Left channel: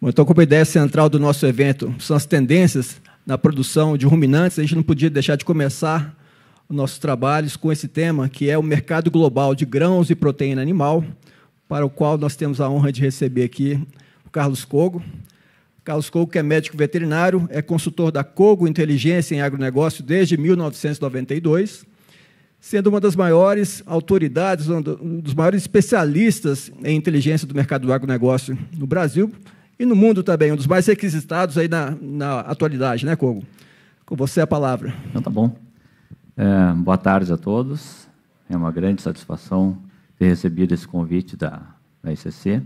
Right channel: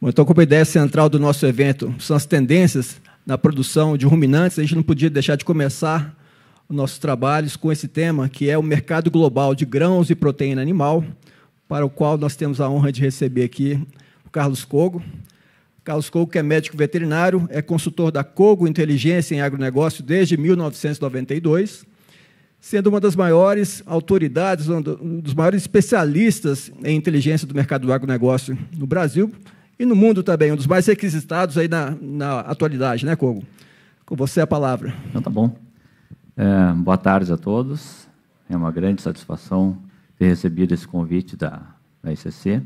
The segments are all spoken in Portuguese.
Bom, então, como a ideia central do nosso evento são as tendências na produção de ruminantes, a gente não podia deixar de começar os nossos trabalhos com esse tema, que é o mercado global de grãos e proteína animal, para o qual nós temos a honra de receber aqui o Carlos Cogo. Carlos Cogo, que é médico veterinário, é consultor da Cogo Inteligência em Agronegócio desde 1992, sendo uma das maiores autoridades, um dos maiores especialistas em inteligência do mercado do agronegócio no Brasil e no mundo também, um dos mais requisitados aí na atualidade, né, Cogo? Com você a palavra. Então, tá bom. Boa tarde a todos. É uma grande satisfação ter recebido esse convite da ICC.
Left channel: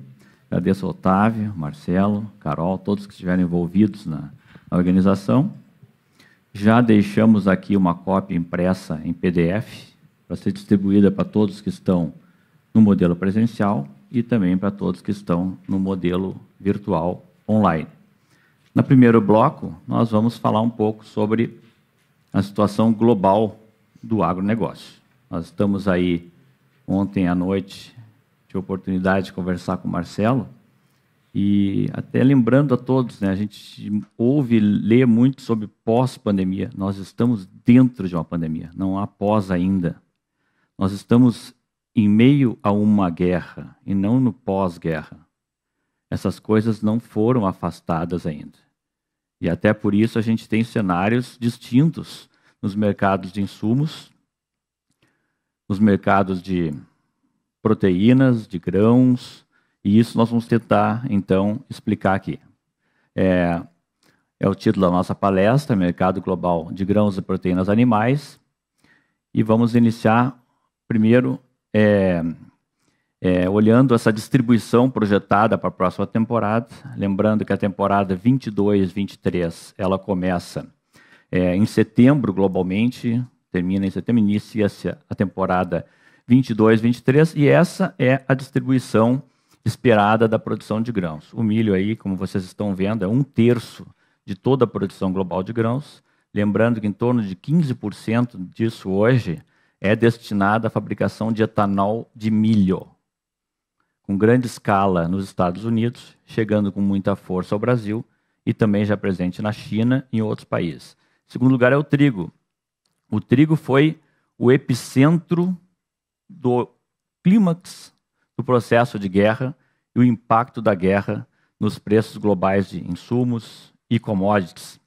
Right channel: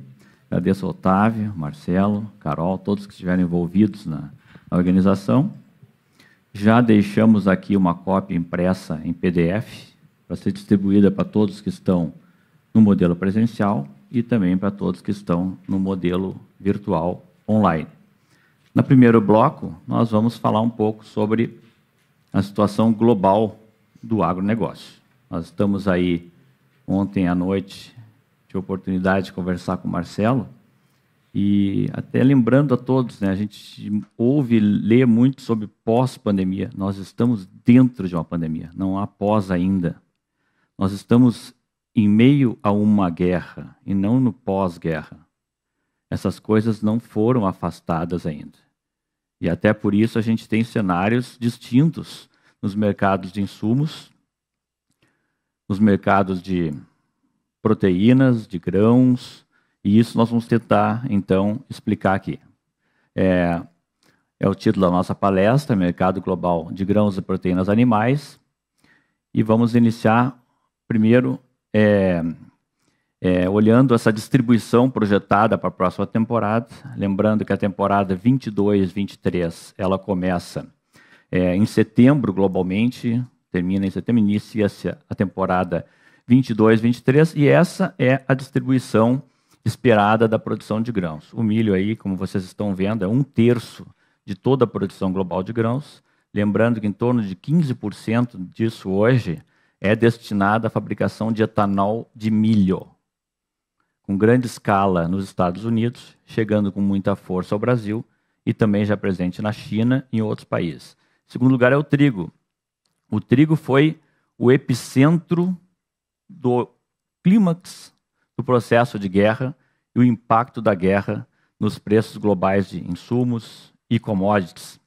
Agradeço ao Otávio, Marcelo, Carol, todos que estiveram envolvidos na organização. Já deixamos aqui uma cópia impressa em PDF para ser distribuída para todos que estão no modelo presencial e também para todos que estão no modelo virtual online. No primeiro bloco, nós vamos falar um pouco sobre a situação global do agronegócio. Nós estamos aí, ontem à noite, tive a oportunidade de conversar com o Marcelo, e até lembrando a todos, né, a gente ouve e lê muito sobre pós-pandemia. Nós estamos dentro de uma pandemia, não há pós ainda. Nós estamos em meio a uma guerra e não no pós-guerra. Essas coisas não foram afastadas ainda. E até por isso a gente tem cenários distintos nos mercados de insumos, nos mercados de proteínas, de grãos, e isso nós vamos tentar, então, explicar aqui. É o título da nossa palestra, Mercado Global de Grãos e Proteínas Animais, e vamos iniciar, primeiro, olhando essa distribuição projetada para a próxima temporada, lembrando que a temporada 22-23, ela começa em setembro, globalmente, termina em setembro, inicia-se a temporada 22-23, e essa é a distribuição esperada da produção de grãos. O milho aí, como vocês estão vendo, é 1/3 de toda a produção global de grãos, lembrando que em torno de 15% disso hoje é destinado à fabricação de etanol de milho, com grande escala nos Estados Unidos, chegando com muita força ao Brasil e também já presente na China e em outros países. Em segundo lugar é o trigo. O trigo foi o epicentro do clímax do processo de guerra e o impacto da guerra nos preços globais de insumos e commodities.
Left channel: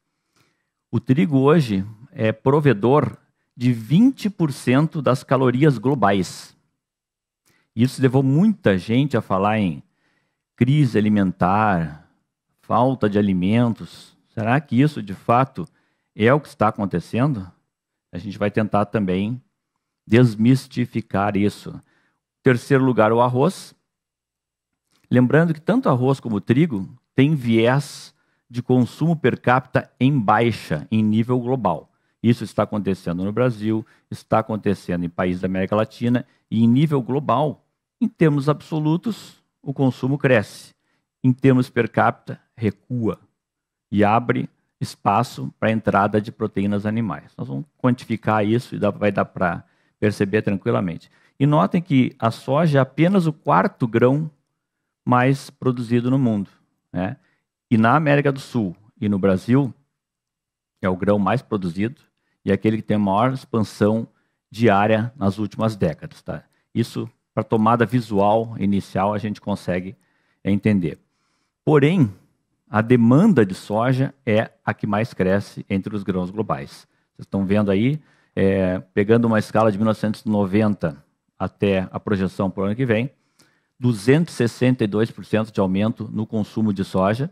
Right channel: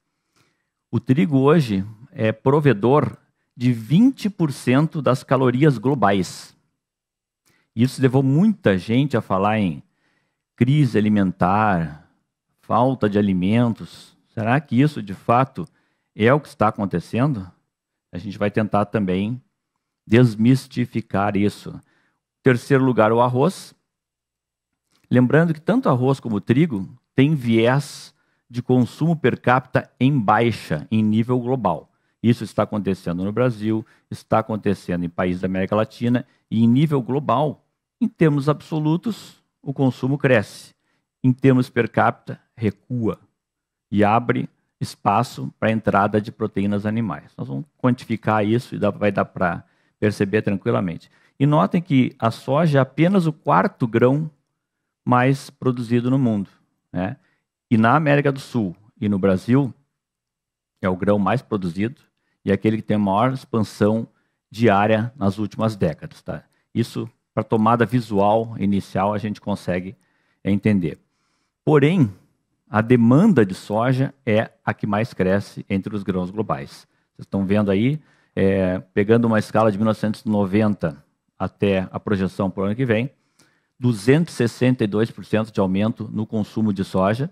O trigo hoje é provedor de 20% das calorias globais. Isso levou muita gente a falar em crise alimentar, falta de alimentos. Será que isso, de fato, é o que está acontecendo? A gente vai tentar também desmistificar isso. Em terceiro lugar, o arroz. Lembrando que tanto arroz como trigo têm viés de consumo per capita em baixa, em nível global. Isso está acontecendo no Brasil, está acontecendo em países da América Latina, e em nível global, em termos absolutos, o consumo cresce. Em termos per capita, recua e abre espaço para a entrada de proteínas animais. Nós vamos quantificar isso e vai dar para perceber tranquilamente. E notem que a soja é apenas o 4º grão mais produzido no mundo, né? E na América do Sul e no Brasil, é o grão mais produzido e é aquele que tem a maior expansão diária nas últimas décadas. Tá? Isso, para tomada visual inicial, a gente consegue entender. Porém, a demanda de soja é a que mais cresce entre os grãos globais. Vocês estão vendo aí, pegando uma escala de 1990 até a projeção para o ano que vem, 262% de aumento no consumo de soja,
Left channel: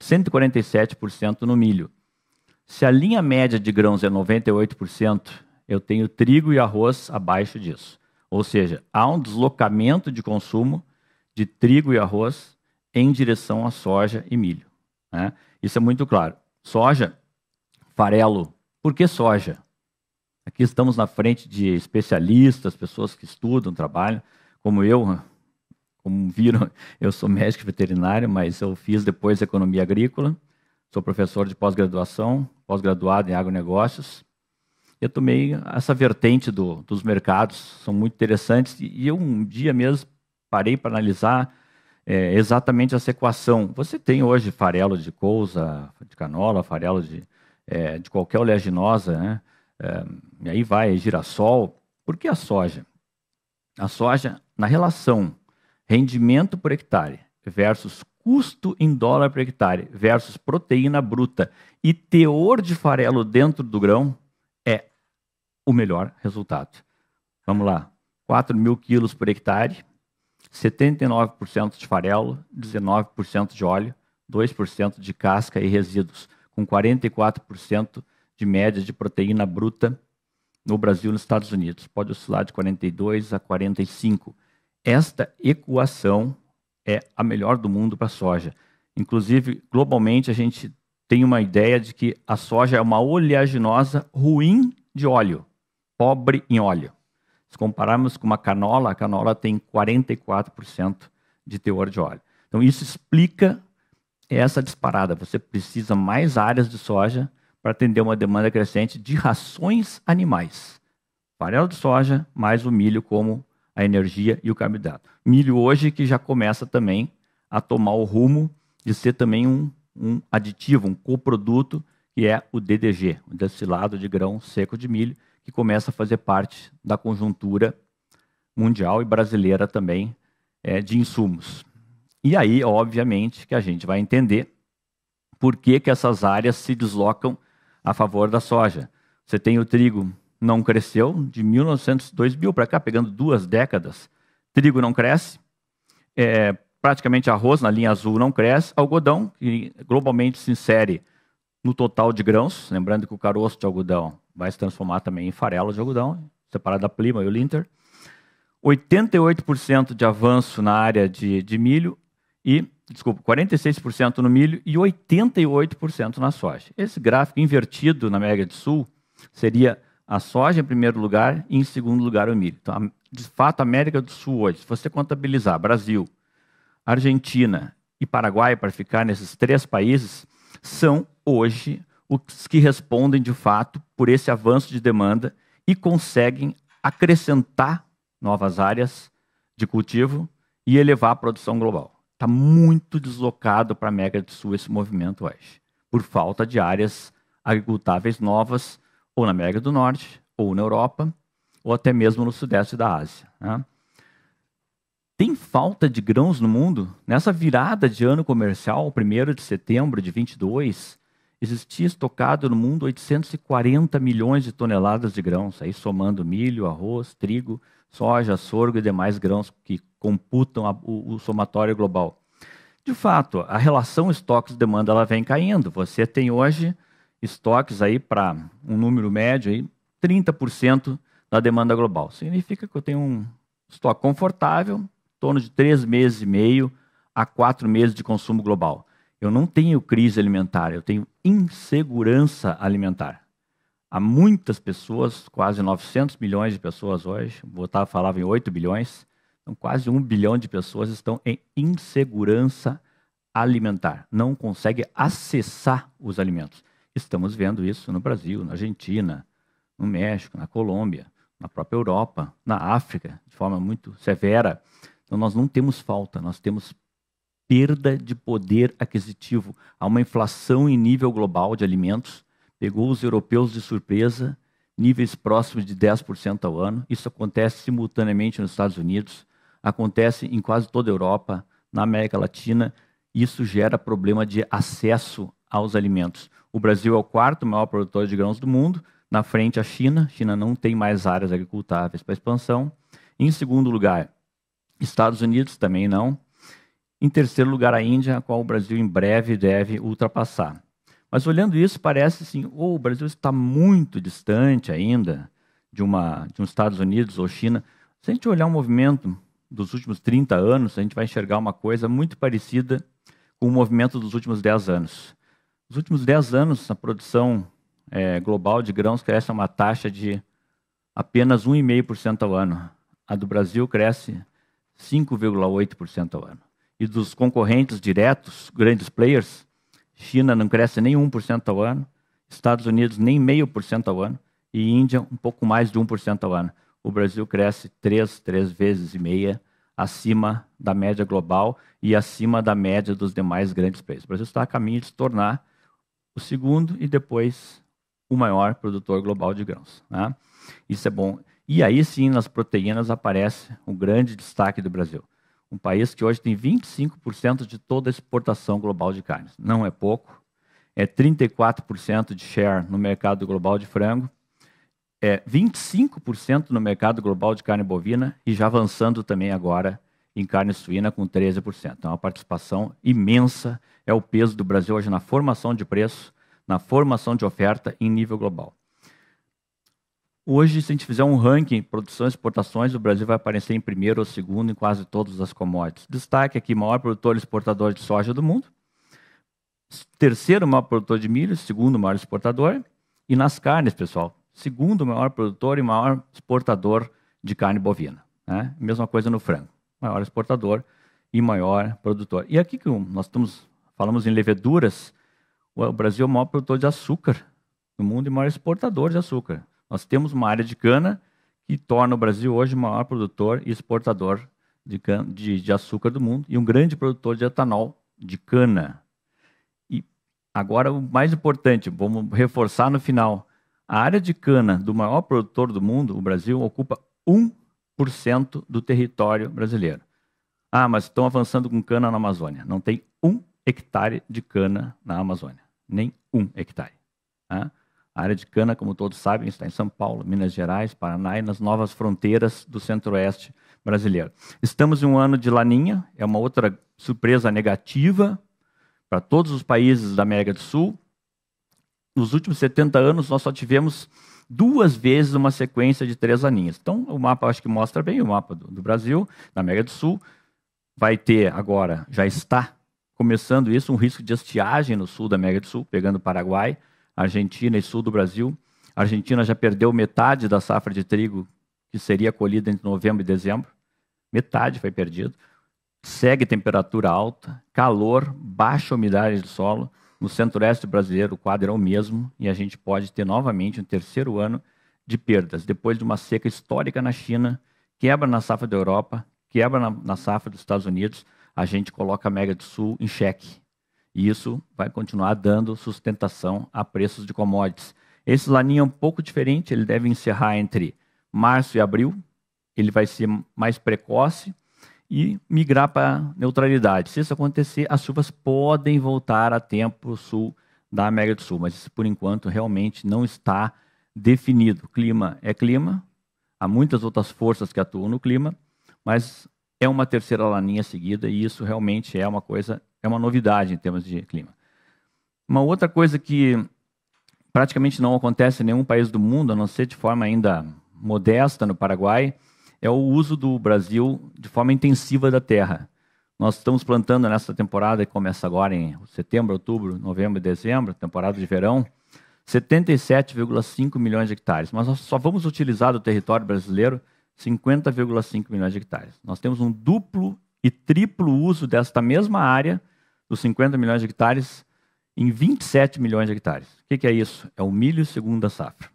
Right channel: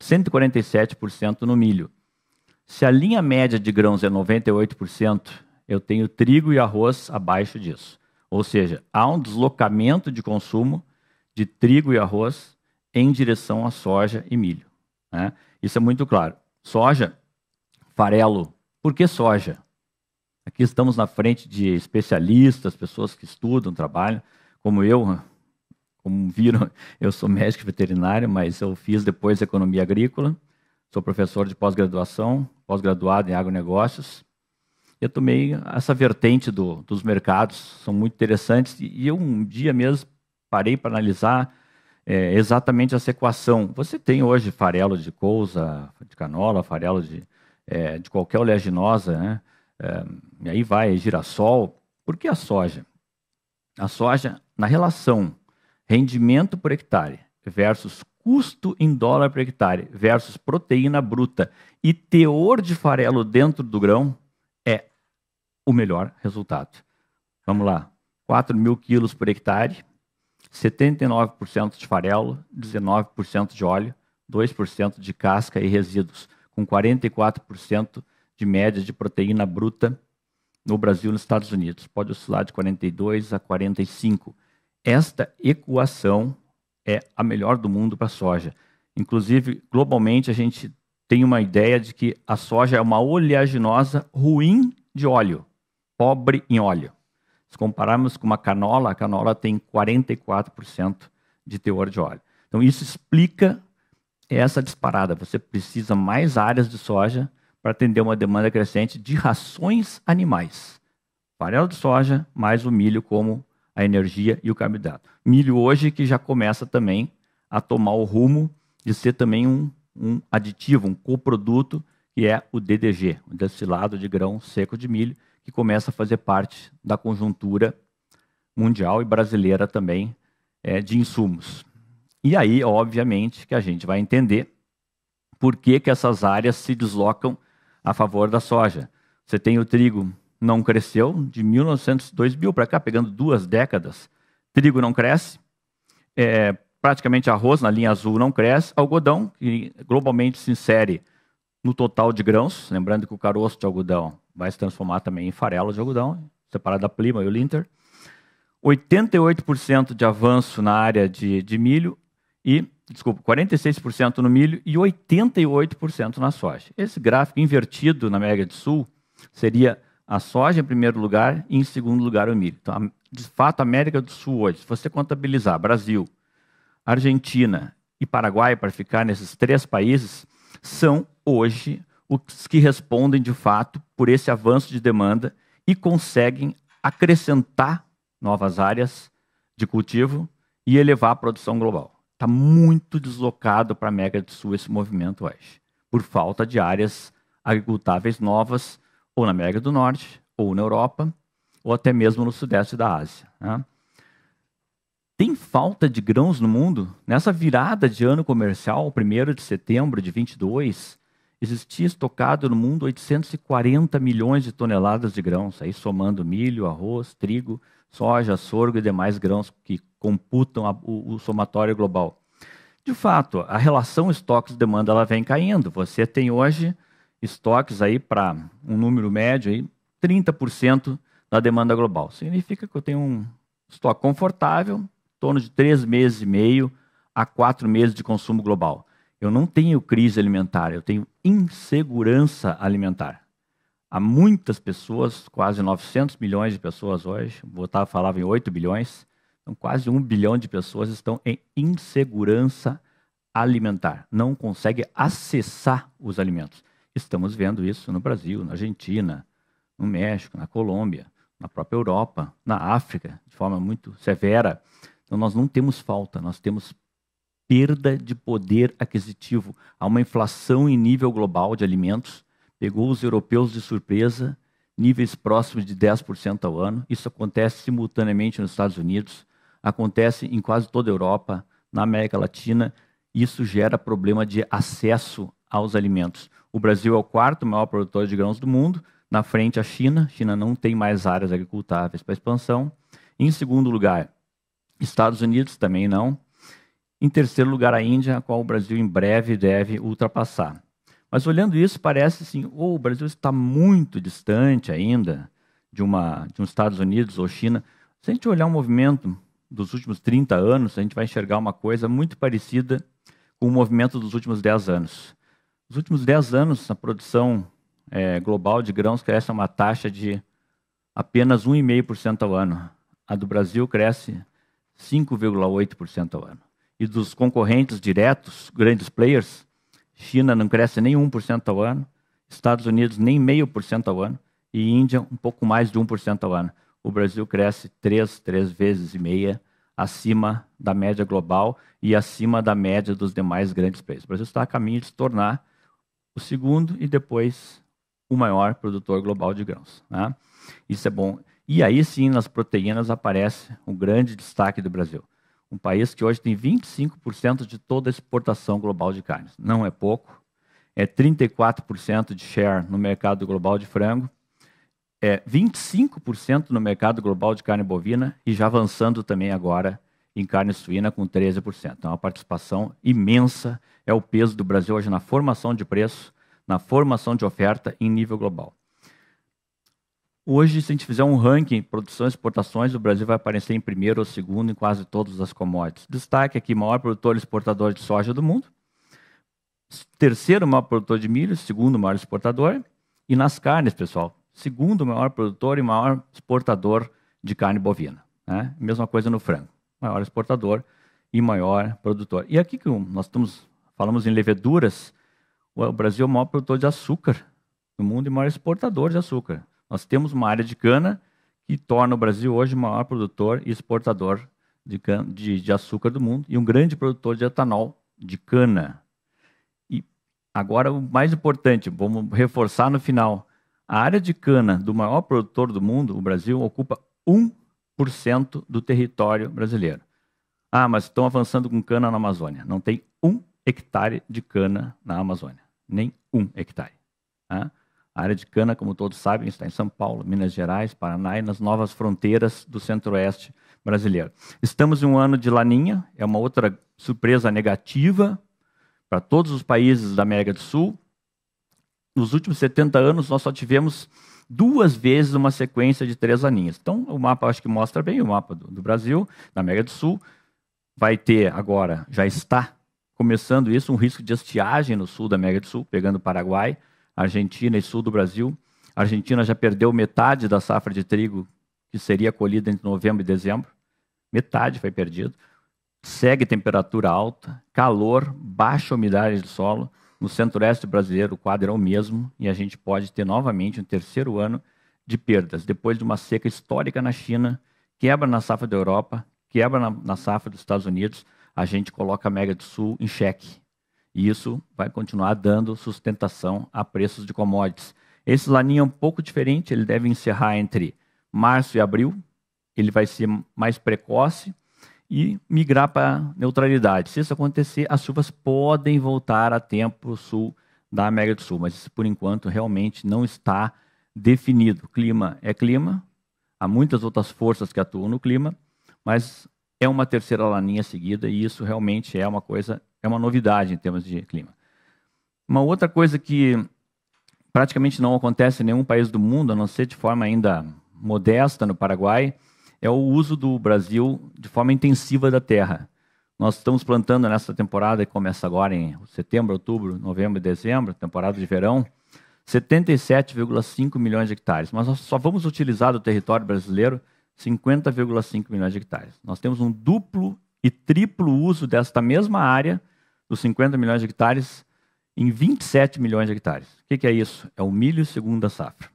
147% no milho. Se a linha média de grãos é 98%, eu tenho trigo e arroz abaixo disso. Ou seja, há um deslocamento de consumo de trigo e arroz em direção a soja e milho, né? Isso é muito claro. Soja, farelo. Por que soja? Aqui estamos na frente de especialistas, pessoas que estudam, trabalham, como eu. Como viram, eu sou médico veterinário, mas eu fiz depois economia agrícola, sou professor de pós-graduação, pós-graduado em agronegócios. Eu tomei essa vertente dos mercados, são muito interessantes, e eu um dia mesmo parei para analisar exatamente essa equação. Você tem hoje farelo de couza, de canola, farelo de qualquer oleaginosa, né? E aí vai girassol. Por que a soja? A soja, na relação rendimento por hectare versus custo em dólar por hectare versus proteína bruta e teor de farelo dentro do grão, é o melhor resultado. Vamos lá, 4.000 quilos por hectare, 79% de farelo, 19% de óleo, 2% de casca e resíduos, com 44% de média de proteína bruta no Brasil e nos Estados Unidos. Pode oscilar de 42 a 45. Esta equação é a melhor do mundo para a soja. Inclusive, globalmente, a gente tem uma ideia de que a soja é uma oleaginosa ruim de óleo, pobre em óleo. Se compararmos com uma canola, a canola tem 44% de teor de óleo. Então, isso explica essa disparada. Você precisa mais áreas de soja para atender uma demanda crescente de rações animais. Farelo de soja, mais o milho como a energia e o carboidrato. Milho hoje que já começa também a tomar o rumo de ser também um aditivo, um coproduto, que é o DDG, o destilado de grão seco de milho, que começa a fazer parte da conjuntura mundial e brasileira também de insumos. E aí, obviamente, que a gente vai entender por que essas áreas se deslocam a favor da soja. Você tem o trigo, não cresceu, de 2000 para cá, pegando 2 décadas. Trigo não cresce, praticamente arroz na linha azul não cresce, algodão, que globalmente se insere no total de grãos, lembrando que o caroço de algodão vai se transformar também em farelo de algodão, separado da Plima e o Linter. 88% de avanço na área de milho, 46% no milho e 88% na soja. Esse gráfico invertido na América do Sul seria a soja em primeiro lugar e em segundo lugar o milho. Então, de fato, a América do Sul hoje, se você contabilizar Brasil, Argentina e Paraguai, para ficar nesses 3 países, são hoje os que respondem de fato por esse avanço de demanda e conseguem acrescentar novas áreas de cultivo e elevar a produção global. Está muito deslocado para a América do Sul esse movimento hoje, por falta de áreas agricultáveis novas, ou na América do Norte, ou na Europa, ou até mesmo no sudeste da Ásia. Né? Tem falta de grãos no mundo? Nessa virada de ano comercial, 1º de setembro de 22, existia estocado no mundo 840 milhões de toneladas de grãos, aí somando milho, arroz, trigo, soja, sorgo e demais grãos que computam o somatório global. De fato, a relação estoques-demanda ela vem caindo. Você tem hoje estoques aí para um número médio, aí, 30% da demanda global. Significa que eu tenho um estoque confortável, em torno de 3 meses e meio a 4 meses de consumo global. Eu não tenho crise alimentar, eu tenho insegurança alimentar. Há muitas pessoas, quase 900 milhões de pessoas hoje, falava em 8 bilhões, então quase 1 bilhão de pessoas estão em insegurança alimentar, não conseguem acessar os alimentos. Estamos vendo isso no Brasil, na Argentina, no México, na Colômbia, na própria Europa, na África, de forma muito severa. Então nós não temos falta, nós temos perda de poder aquisitivo. Há uma inflação em nível global de alimentos, pegou os europeus de surpresa, níveis próximos de 10% ao ano. Isso acontece simultaneamente nos Estados Unidos, acontece em quase toda a Europa, na América Latina. Isso gera problema de acesso aos alimentos. O Brasil é o 4º maior produtor de grãos do mundo, na frente a China. A China não tem mais áreas agricultáveis para expansão. Em segundo lugar, Estados Unidos também não. Em terceiro lugar, a Índia, a qual o Brasil em breve deve ultrapassar. Mas olhando isso, parece assim, o Brasil está muito distante ainda de um Estados Unidos ou China. Se a gente olhar o movimento dos últimos 30 anos, a gente vai enxergar uma coisa muito parecida com o movimento dos últimos 10 anos. Nos últimos 10 anos, a produção global de grãos cresce a uma taxa de apenas 1,5% ao ano. A do Brasil cresce 5,8% ao ano. E dos concorrentes diretos, grandes players, China não cresce nem 1% ao ano, Estados Unidos nem 0,5% ao ano, e Índia um pouco mais de 1% ao ano. O Brasil cresce 3 vezes e meia acima da média global e acima da média dos demais grandes players. O Brasil está a caminho de se tornar o segundo e depois o maior produtor global de grãos, né? Isso é bom. E aí sim, nas proteínas aparece o grande destaque do Brasil. Um país que hoje tem 25% de toda a exportação global de carnes. Não é pouco. É 34% de share no mercado global de frango. É 25% no mercado global de carne bovina e já avançando também agora em carne suína com 13%. Então, uma participação imensa é o peso do Brasil hoje na formação de preço, na formação de oferta em nível global. Hoje, se a gente fizer um ranking produção e exportações, o Brasil vai aparecer em primeiro ou segundo em quase todas as commodities. Destaque aqui, maior produtor e exportador de soja do mundo, terceiro maior produtor de milho, segundo maior exportador, e nas carnes, pessoal, segundo maior produtor e maior exportador de carne bovina, né? Mesma coisa no frango, maior exportador e maior produtor. E aqui que nós falamos em leveduras, o Brasil é o maior produtor de açúcar no mundo e maior exportador de açúcar. Nós temos uma área de cana que torna o Brasil hoje o maior produtor e exportador de açúcar do mundo e um grande produtor de etanol de cana. E agora o mais importante, vamos reforçar no final, a área de cana do maior produtor do mundo, o Brasil, ocupa 1% do território brasileiro. Ah, mas estão avançando com cana na Amazônia. Não tem 1 hectare de cana na Amazônia. Nem 1 hectare. Tá? A área de cana, como todos sabem, está em São Paulo, Minas Gerais, Paraná e nas novas fronteiras do centro-oeste brasileiro. Estamos em um ano de laninha, é uma outra surpresa negativa para todos os países da América do Sul. Nos últimos 70 anos, nós só tivemos 2 vezes uma sequência de 3 laninhas. Então, o mapa acho que mostra bem o mapa do Brasil, da América do Sul. Vai ter agora, já está começando isso, um risco de estiagem no sul da América do Sul, pegando o Paraguai, Argentina e sul do Brasil. A Argentina já perdeu metade da safra de trigo que seria colhida entre novembro e dezembro. Metade foi perdido. Segue temperatura alta, calor, baixa umidade do solo. No centro-oeste brasileiro o quadro é o mesmo e a gente pode ter novamente um terceiro ano de perdas. Depois de uma seca histórica na China, quebra na safra da Europa, quebra na safra dos Estados Unidos, a gente coloca a América do Sul em xeque. E isso vai continuar dando sustentação a preços de commodities. Esse laninha é um pouco diferente, ele deve encerrar entre março e abril, ele vai ser mais precoce e migrar para neutralidade. Se isso acontecer, as chuvas podem voltar a tempo sul da América do Sul, mas isso, por enquanto, realmente não está definido. Clima é clima, há muitas outras forças que atuam no clima, mas é uma terceira laninha seguida e isso realmente é uma coisa, é uma novidade em termos de clima. Uma outra coisa que praticamente não acontece em nenhum país do mundo, a não ser de forma ainda modesta no Paraguai, é o uso do Brasil de forma intensiva da terra. Nós estamos plantando nessa temporada, que começa agora em setembro, outubro, novembro e dezembro, temporada de verão, 77,5 milhões de hectares. Mas nós só vamos utilizar do território brasileiro 50,5 milhões de hectares. Nós temos um duplo e triplo uso desta mesma área, dos 50 milhões de hectares, em 27 milhões de hectares. O que é isso? É o milho segunda safra.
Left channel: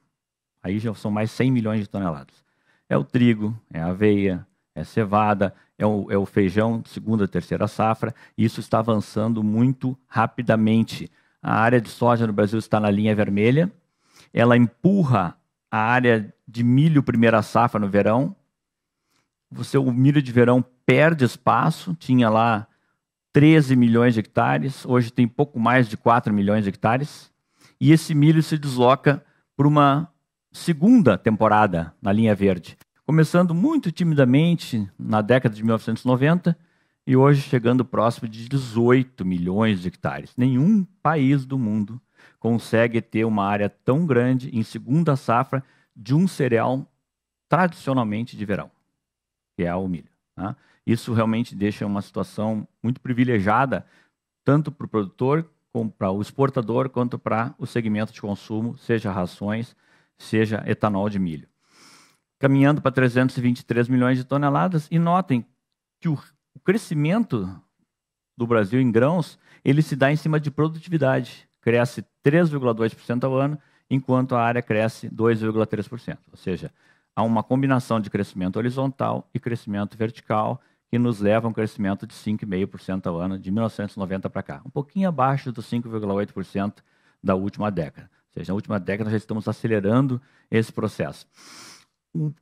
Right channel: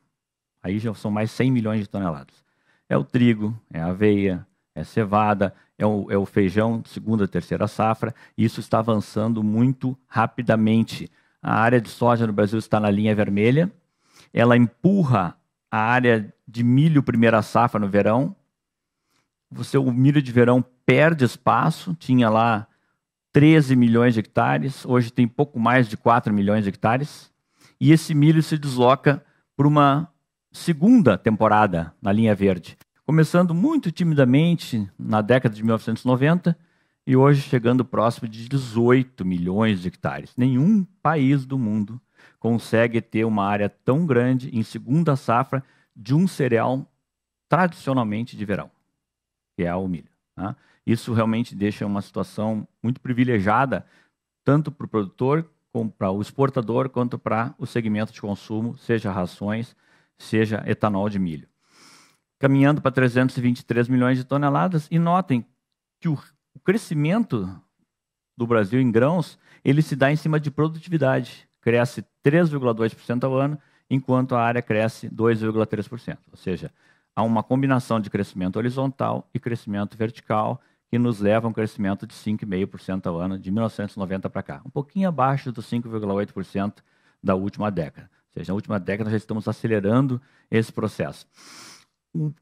Aí já são mais 100 milhões de toneladas. É o trigo, é a aveia, é a cevada, é o feijão segunda e terceira safra. E isso está avançando muito rapidamente. A área de soja no Brasil está na linha vermelha. Ela empurra a área de milho primeira safra no verão. O milho de verão perde espaço, tinha lá 13 milhões de hectares, hoje tem pouco mais de 4 milhões de hectares, e esse milho se desloca para uma segunda temporada na linha verde, começando muito timidamente na década de 1990 e hoje chegando próximo de 18 milhões de hectares. Nenhum país do mundo consegue ter uma área tão grande em segunda safra de um cereal tradicionalmente de verão, que é o milho, né? Isso realmente deixa uma situação muito privilegiada, tanto para o produtor, como para o exportador, quanto para o segmento de consumo, seja rações, seja etanol de milho. Caminhando para 323 milhões de toneladas, e notem que o crescimento do Brasil em grãos, ele se dá em cima de produtividade, cresce 3,2% ao ano, enquanto a área cresce 2,3%. Ou seja, há uma combinação de crescimento horizontal e crescimento vertical, que nos leva a um crescimento de 5,5% ao ano, de 1990 para cá. Um pouquinho abaixo dos 5,8% da última década. Ou seja, na última década já estamos acelerando esse processo. O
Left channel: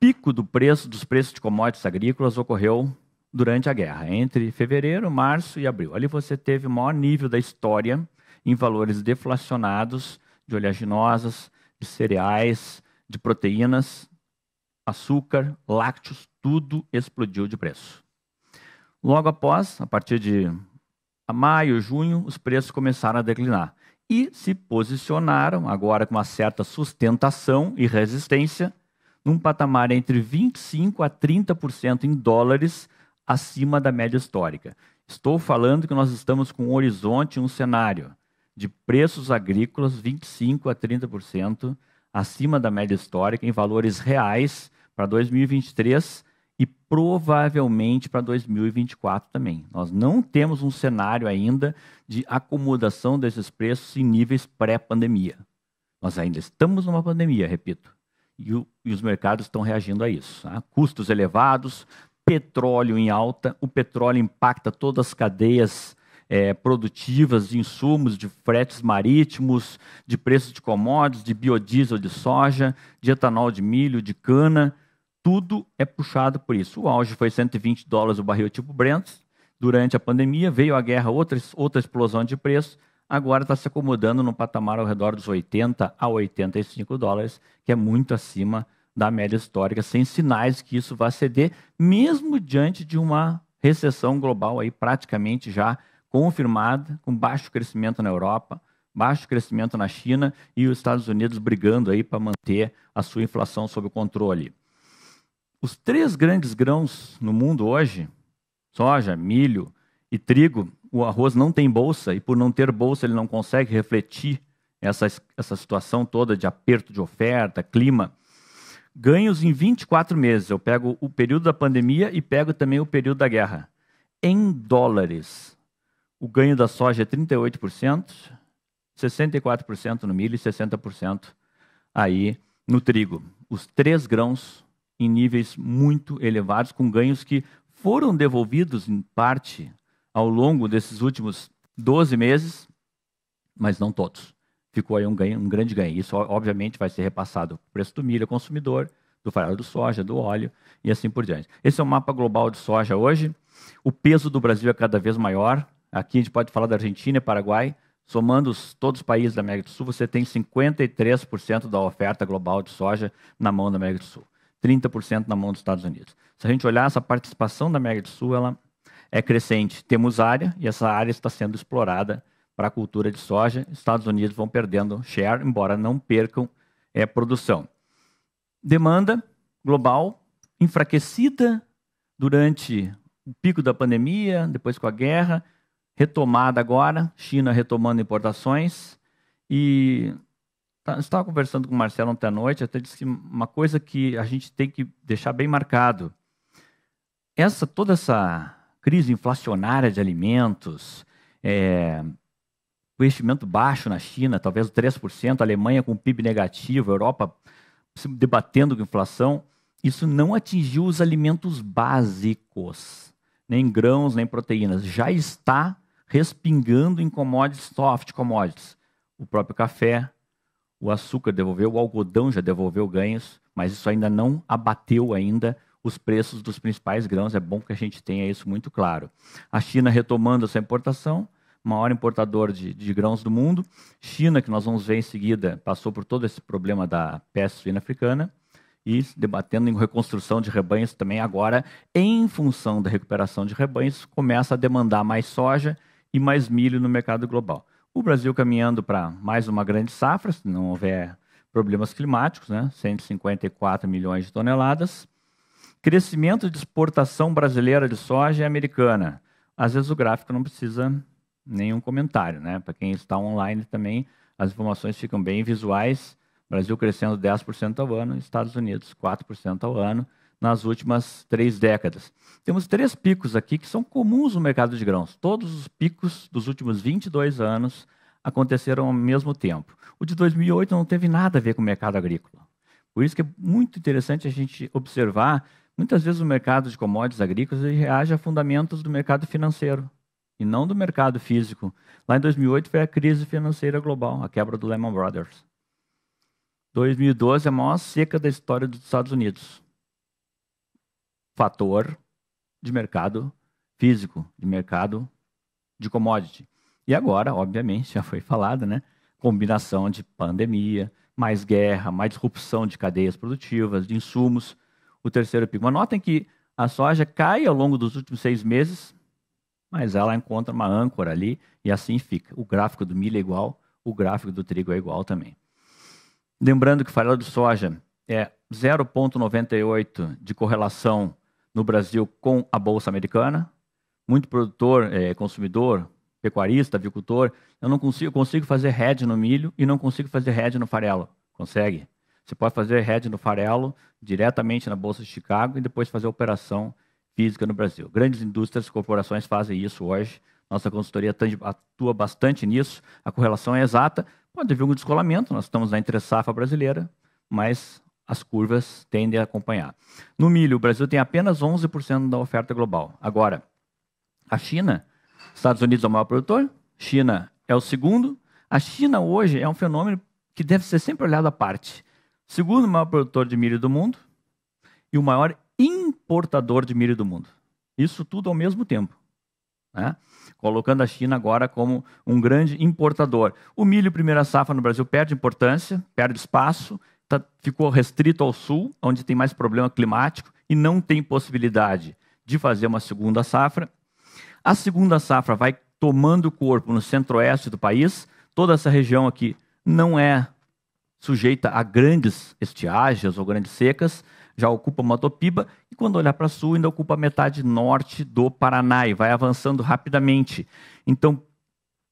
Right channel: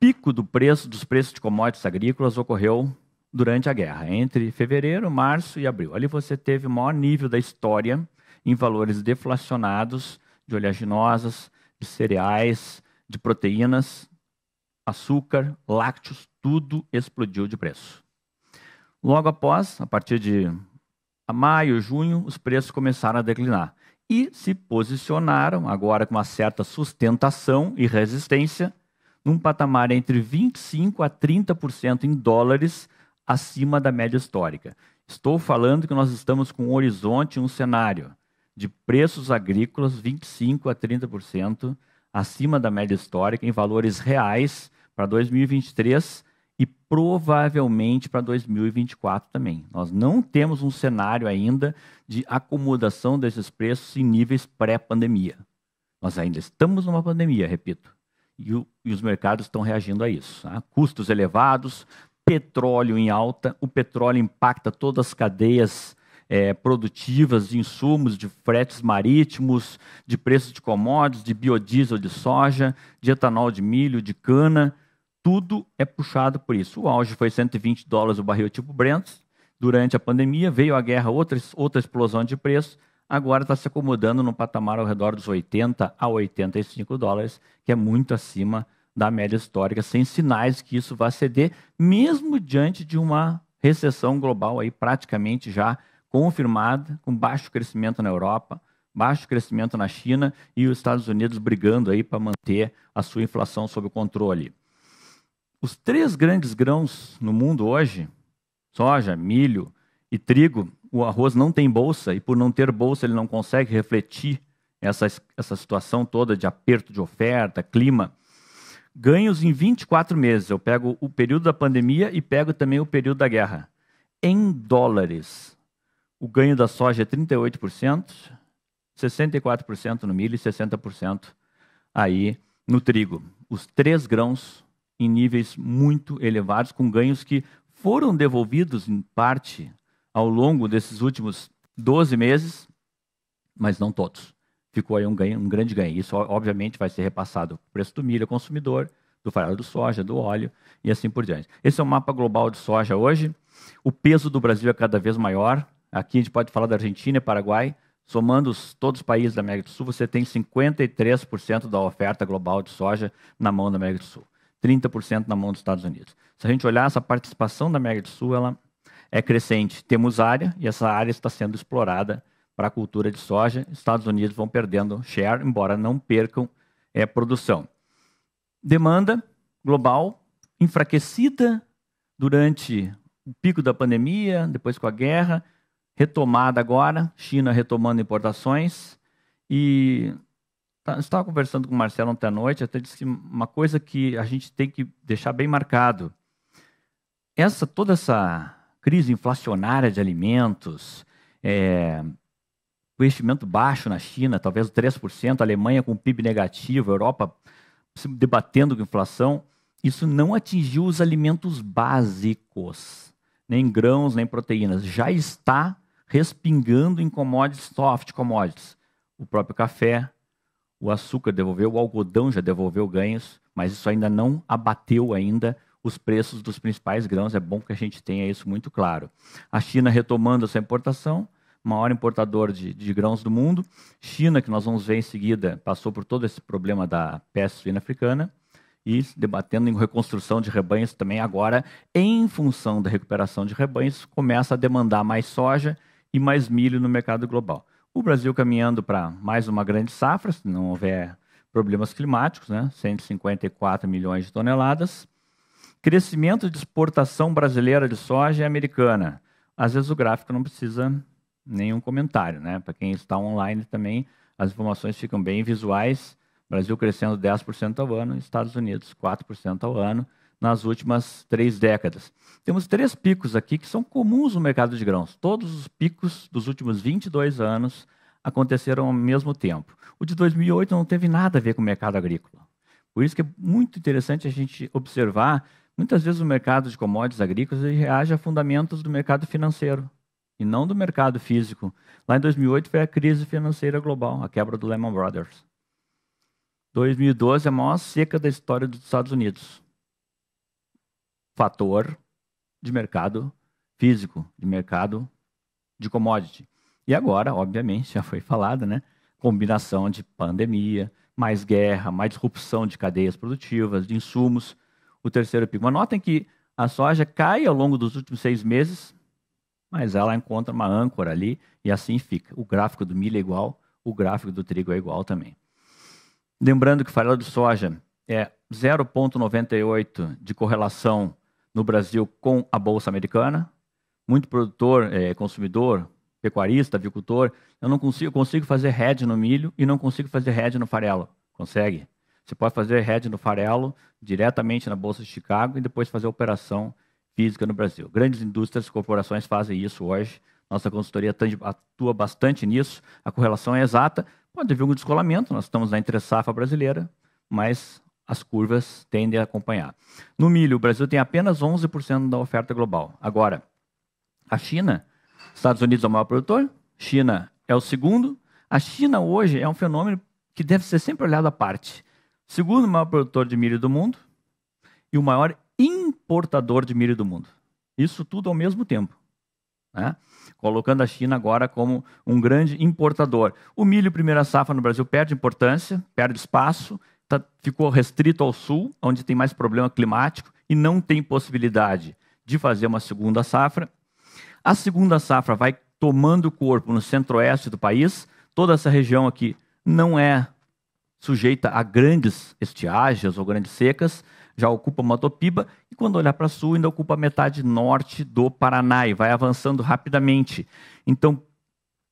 pico dos preços de commodities agrícolas ocorreu durante a guerra, entre fevereiro, março e abril. Ali você teve o maior nível da história em valores deflacionados de oleaginosas, de cereais, de proteínas, açúcar, lácteos, tudo explodiu de preço. Logo após, a partir de maio, junho, os preços começaram a declinar e se posicionaram, agora com uma certa sustentação e resistência, num patamar entre 25% a 30% em dólares acima da média histórica. Estou falando que nós estamos com um horizonte, um cenário de preços agrícolas 25% a 30% acima da média histórica em valores reais para 2023 e provavelmente para 2024 também. Nós não temos um cenário ainda de acomodação desses preços em níveis pré-pandemia. Nós ainda estamos numa pandemia, repito, e os mercados estão reagindo a isso. Tá? Custos elevados, petróleo em alta, o petróleo impacta todas as cadeias produtivas de insumos, de fretes marítimos, de preços de commodities, de biodiesel de soja, de etanol de milho, de cana, tudo é puxado por isso. O auge foi $120 o barril tipo Brent. Durante a pandemia veio a guerra, outra explosão de preço. Agora está se acomodando no patamar ao redor dos $80 a $85, que é muito acima da média histórica, sem sinais que isso vá ceder, mesmo diante de uma recessão global aí praticamente já confirmada, com baixo crescimento na Europa, baixo crescimento na China e os Estados Unidos brigando aí para manter a sua inflação sob controle. Os 3 grandes grãos no mundo hoje, soja, milho e trigo, o arroz não tem bolsa e por não ter bolsa ele não consegue refletir essa situação toda de aperto de oferta, clima. Ganhos em 24 meses, eu pego o período da pandemia e pego também o período da guerra. Em dólares, o ganho da soja é 38%, 64% no milho e 60% aí no trigo. Os 3 grãos em níveis muito elevados, com ganhos que foram devolvidos em parte ao longo desses últimos 12 meses, mas não todos. Ficou aí um grande ganho. Isso, obviamente, vai ser repassado o preço do milho ao consumidor, do farelo de soja, do óleo e assim por diante. Esse é o mapa global de soja hoje. O peso do Brasil é cada vez maior. Aqui a gente pode falar da Argentina e Paraguai. Somando todos os países da América do Sul, você tem 53% da oferta global de soja na mão da América do Sul. 30% na mão dos Estados Unidos. Se a gente olhar essa participação da América do Sul, ela é crescente. Temos área e essa área está sendo explorada para a cultura de soja. Estados Unidos vão perdendo share, embora não percam produção. Demanda global enfraquecida durante o pico da pandemia, depois com a guerra, retomada agora, China retomando importações e estava conversando com o Marcelo ontem à noite, até disse uma coisa que a gente tem que deixar bem marcado. Toda essa crise inflacionária de alimentos, o investimento baixo na China, talvez 3%, a Alemanha com PIB negativo, a Europa se debatendo com inflação, isso não atingiu os alimentos básicos, nem grãos, nem proteínas. Já está respingando em commodities, soft commodities. O próprio café, o açúcar devolveu, o algodão já devolveu ganhos, mas isso ainda não abateu ainda os preços dos principais grãos. É bom que a gente tenha isso muito claro. A China retomando essa importação, maior importador de grãos do mundo. China, que nós vamos ver em seguida, passou por todo esse problema da peste suína africana e debatendo em reconstrução de rebanhos também agora, em função da recuperação de rebanhos, começa a demandar mais soja e mais milho no mercado global. O Brasil caminhando para mais uma grande safra, se não houver problemas climáticos, né? 154 milhões de toneladas. Crescimento de exportação brasileira de soja e americana. Às vezes o gráfico não precisa nenhum comentário, né? Para quem está online também, as informações ficam bem visuais. Brasil crescendo 10% ao ano, Estados Unidos 4% ao ano, nas últimas 3 décadas. Temos 3 picos aqui que são comuns no mercado de grãos. Todos os picos dos últimos 22 anos aconteceram ao mesmo tempo. O de 2008 não teve nada a ver com o mercado agrícola. Por isso que é muito interessante a gente observar Muitas vezes o mercado de commodities agrícolas ele reage a fundamentos do mercado financeiro e não do mercado físico. Lá em 2008 foi a crise financeira global, a quebra do Lehman Brothers. 2012 é a maior seca da história dos Estados Unidos. Fator de mercado físico, de mercado de commodity. E agora, obviamente, já foi falado, né? Combinação de pandemia, mais guerra, mais disrupção de cadeias produtivas, de insumos. O terceiro pico. Mas notem que a soja cai ao longo dos últimos 6 meses, mas ela encontra uma âncora ali e assim fica. O gráfico do milho é igual, o gráfico do trigo é igual também. Lembrando que o farelo de soja é 0,98 de correlação no Brasil com a Bolsa Americana. Muito produtor, consumidor, pecuarista, avicultor, eu não consigo fazer hedge no milho e não consigo fazer hedge no farelo. Consegue? Você pode fazer hedge no farelo diretamente na Bolsa de Chicago e depois fazer operação física no Brasil. Grandes indústrias, corporações fazem isso hoje. Nossa consultoria atua bastante nisso. A correlação é exata. Pode haver um descolamento. Nós estamos na entre-safra brasileira, mas as curvas tendem a acompanhar. No milho, o Brasil tem apenas 11% da oferta global. Agora, a China, Estados Unidos é o maior produtor, China é o segundo. A China hoje é um fenômeno que deve ser sempre olhado à parte. Segundo maior produtor de milho do mundo e o maior importador de milho do mundo. Isso tudo ao mesmo tempo, né? Colocando a China agora como um grande importador. O milho primeira safra no Brasil perde importância, perde espaço, ficou restrito ao sul, onde tem mais problema climático e não tem possibilidade de fazer uma segunda safra. A segunda safra vai tomando corpo no centro-oeste do país. Toda essa região aqui não é sujeita a grandes estiagens ou grandes secas, já ocupa Matopiba, e quando olhar para sul ainda ocupa a metade norte do Paraná e vai avançando rapidamente. Então,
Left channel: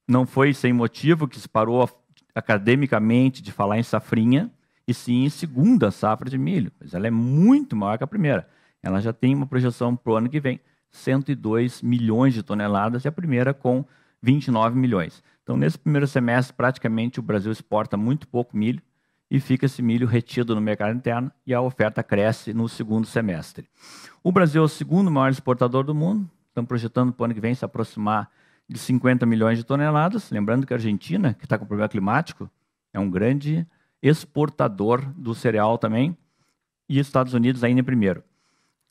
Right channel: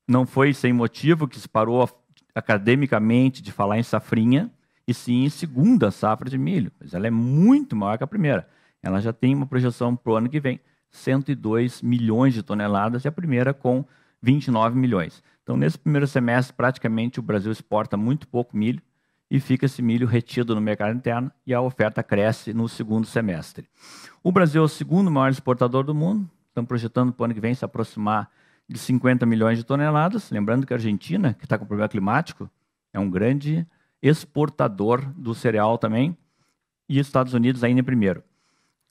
não foi sem motivo que se parou academicamente de falar em safrinha, e sim em segunda safra de milho. Mas ela é muito maior que a primeira. Ela já tem uma projeção para o ano que vem, 102 milhões de toneladas, e a primeira com 29 milhões. Então, nesse primeiro semestre, praticamente o Brasil exporta muito pouco milho, e fica esse milho retido no mercado interno e a oferta cresce no segundo semestre. O Brasil é o segundo maior exportador do mundo, estamos projetando para o ano que vem se aproximar de 50 milhões de toneladas, lembrando que a Argentina, que está com problema climático, é um grande exportador do cereal também, e Estados Unidos ainda em primeiro.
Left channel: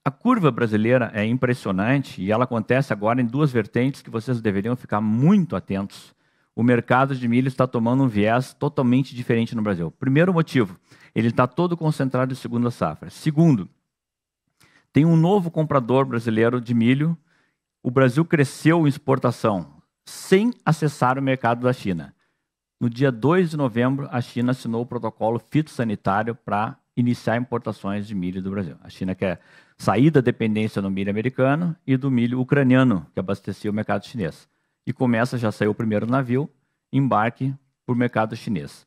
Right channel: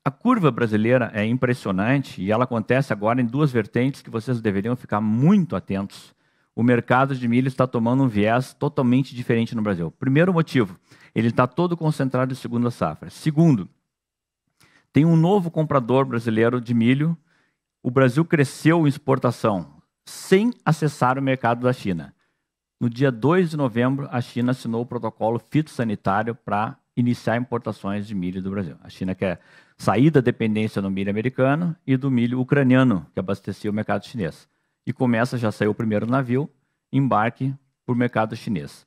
A curva brasileira é impressionante e ela acontece agora em 2 vertentes que vocês deveriam ficar muito atentos. O mercado de milho está tomando um viés totalmente diferente no Brasil. Primeiro motivo, ele está todo concentrado em segunda safra. Segundo, tem um novo comprador brasileiro de milho. O Brasil cresceu em exportação sem acessar o mercado da China. No dia 2 de novembro, a China assinou o protocolo fitossanitário para iniciar importações de milho do Brasil. A China quer sair da dependência no milho americano e do milho ucraniano, que abastecia o mercado chinês. E já saiu o primeiro navio, embarque para o mercado chinês.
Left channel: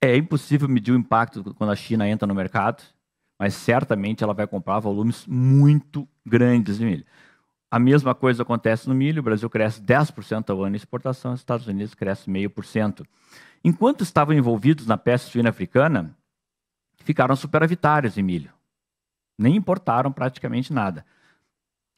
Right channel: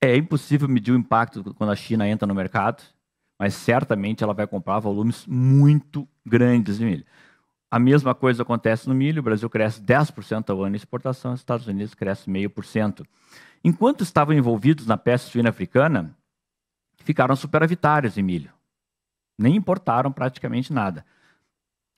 É impossível medir o impacto quando a China entra no mercado, mas certamente ela vai comprar volumes muito grandes de milho. A mesma coisa acontece no milho, o Brasil cresce 10% ao ano em exportação, os Estados Unidos cresce 0,5%. Enquanto estavam envolvidos na peste suína africana, ficaram superavitários em milho. Nem importaram praticamente nada.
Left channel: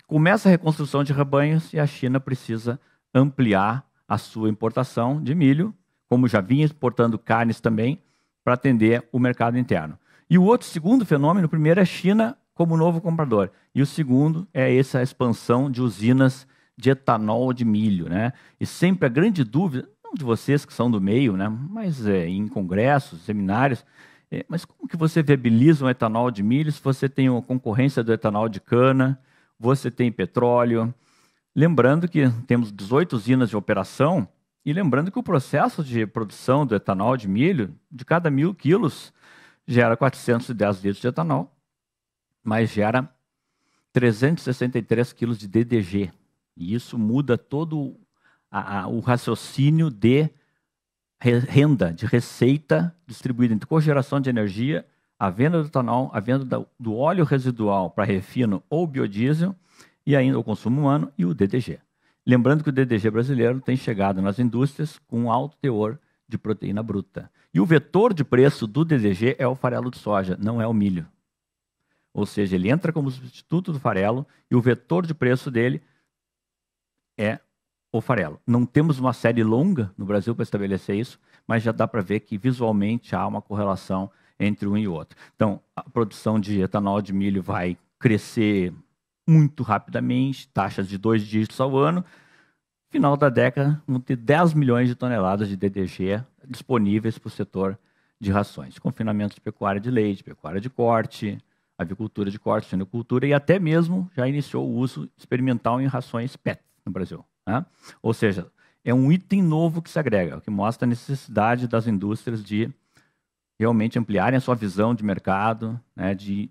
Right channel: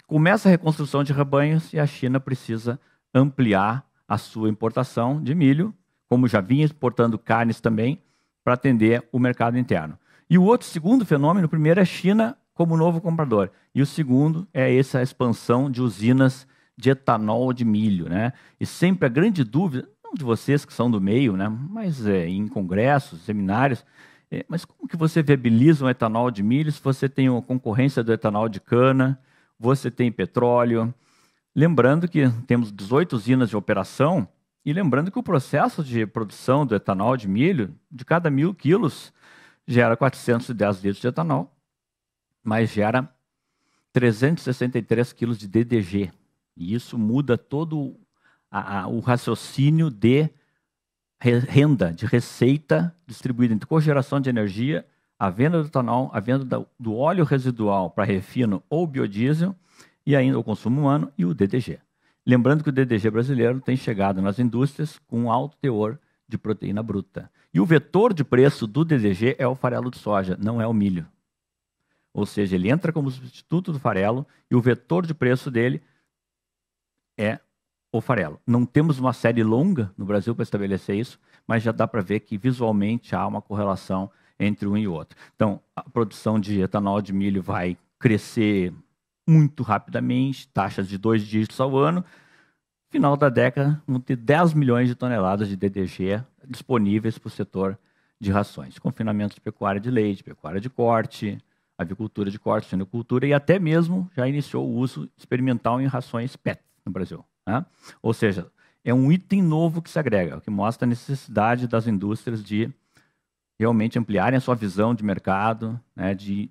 Começa a reconstrução de rebanhos e a China precisa ampliar a sua importação de milho, como já vinha exportando carnes também, para atender o mercado interno. E o segundo fenômeno, o primeiro é a China como novo comprador, e o segundo é essa expansão de usinas de etanol de milho, né? E sempre a grande dúvida, não de vocês que são do meio, né? Mas em congressos, seminários, mas como que você viabiliza um etanol de milho se você tem a concorrência do etanol de cana, você tem petróleo? Lembrando que temos 18 usinas de operação e lembrando que o processo de produção do etanol de milho, de cada 1.000 quilos, gera 410 litros de etanol, mas gera 363 quilos de DDG. E isso muda todo o raciocínio de renda, de receita distribuída entre cogeração de energia, a venda do etanol, a venda do óleo residual para refino ou biodiesel, e ainda o consumo humano e o DDG. Lembrando que o DDG brasileiro tem chegado nas indústrias com um alto teor de proteína bruta. E o vetor de preço do DDG é o farelo de soja, não é o milho. ou seja, ele entra como substituto do farelo e o vetor de preço dele é o farelo. Não temos uma série longa no Brasil para estabelecer isso, mas já dá para ver que visualmente há uma correlação entre um e o outro. Então, a produção de etanol de milho vai crescer muito rapidamente, taxas de 2 dígitos ao ano. Final da década, vão ter 10 milhões de toneladas de DDG disponíveis para o setor de rações. Confinamento de pecuária de leite, pecuária de corte, avicultura de corte, suinocultura e até mesmo já iniciou o uso experimental em rações PET no Brasil, né? Ou seja, é um item novo que se agrega, o que mostra a necessidade das indústrias de realmente ampliarem a sua visão de mercado, né, de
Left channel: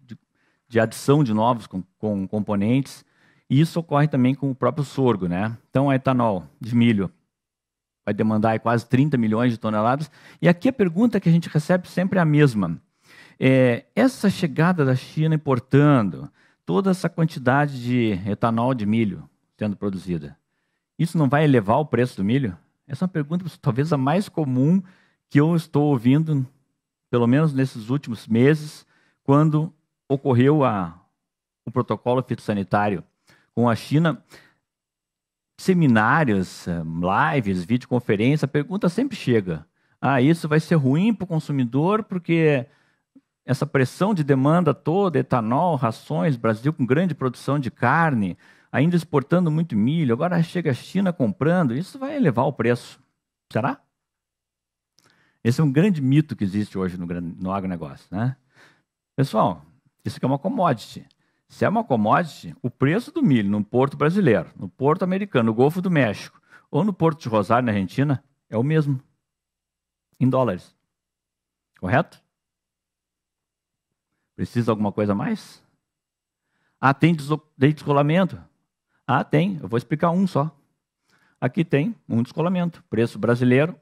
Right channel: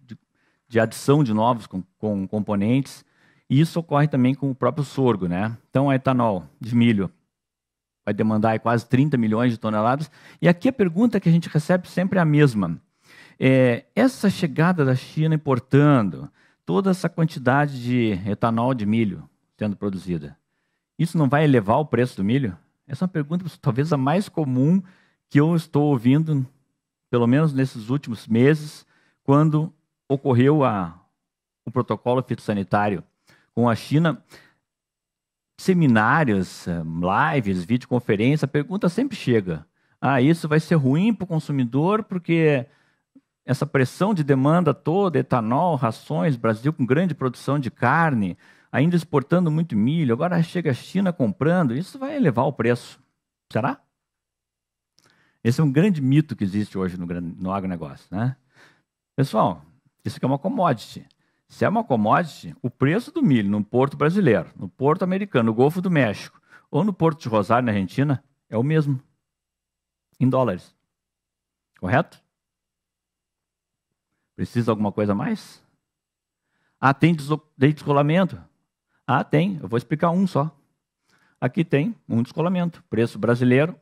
adição de novos com componentes. E isso ocorre também com o próprio sorgo, né? Então, a etanol de milho vai demandar quase 30 milhões de toneladas. E aqui a pergunta que a gente recebe sempre é a mesma. Essa chegada da China importando toda essa quantidade de etanol de milho sendo produzida, isso não vai elevar o preço do milho? Essa é uma pergunta talvez a mais comum que eu estou ouvindo, pelo menos nesses últimos meses, quando ocorreu o protocolo fitossanitário com a China. Seminários, lives, videoconferência, a pergunta sempre chega. Isso vai ser ruim para o consumidor porque essa pressão de demanda toda, etanol, rações, Brasil com grande produção de carne, ainda exportando muito milho, agora chega a China comprando, isso vai elevar o preço. Será? Esse é um grande mito que existe hoje no agronegócio, né? Pessoal, isso aqui é uma commodity. Se é uma commodity, o preço do milho no porto brasileiro, no porto americano, no Golfo do México, ou no porto de Rosário, na Argentina, é o mesmo, em dólares. Correto? Precisa de alguma coisa a mais? Tem descolamento? Tem. Eu vou explicar um só. Aqui tem um descolamento. Preço brasileiro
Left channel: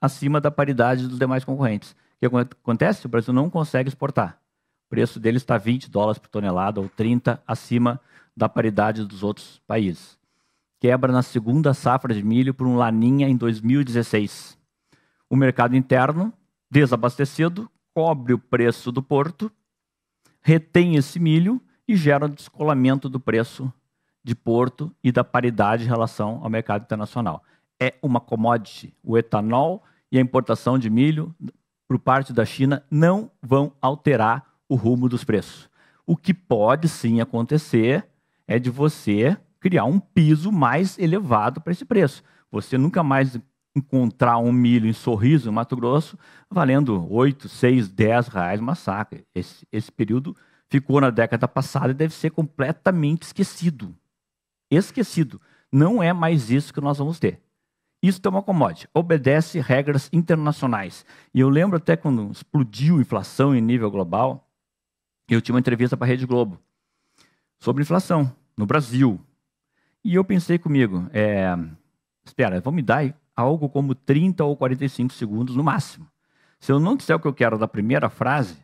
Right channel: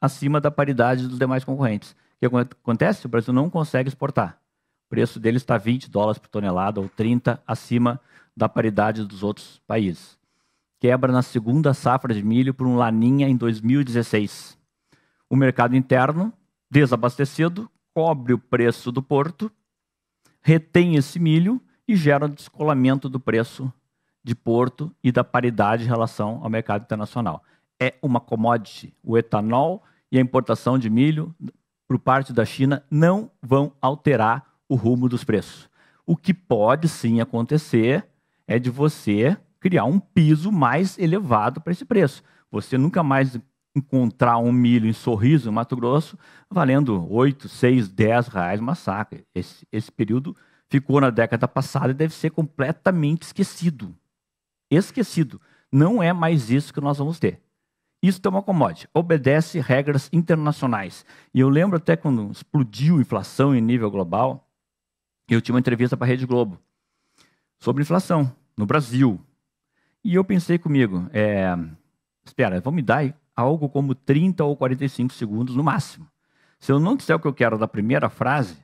acima da paridade dos demais concorrentes. O que acontece? O Brasil não consegue exportar. O preço dele está 20 dólares por tonelada ou 30 acima da paridade dos outros países. Quebra na segunda safra de milho por um laninha em 2016. O mercado interno, desabastecido, cobre o preço do porto, retém esse milho e gera o descolamento do preço de porto e da paridade em relação ao mercado internacional. É uma commodity. O etanol e a importação de milho por parte da China não vão alterar o rumo dos preços. O que pode sim acontecer é de você criar um piso mais elevado para esse preço. Você nunca mais encontrar um milho em Sorriso, Mato Grosso, valendo 8, 6, 10 reais uma saca. Esse período ficou na década passada e deve ser completamente esquecido. Esquecido. Não é mais isso que nós vamos ter. Isso é uma commodity, obedece regras internacionais. E eu lembro até quando explodiu a inflação em nível global, eu tinha uma entrevista para a Rede Globo sobre inflação no Brasil. E eu pensei comigo, espera, vão me dar algo como 30 ou 45 segundos no máximo. Se eu não disser o que eu quero da primeira frase,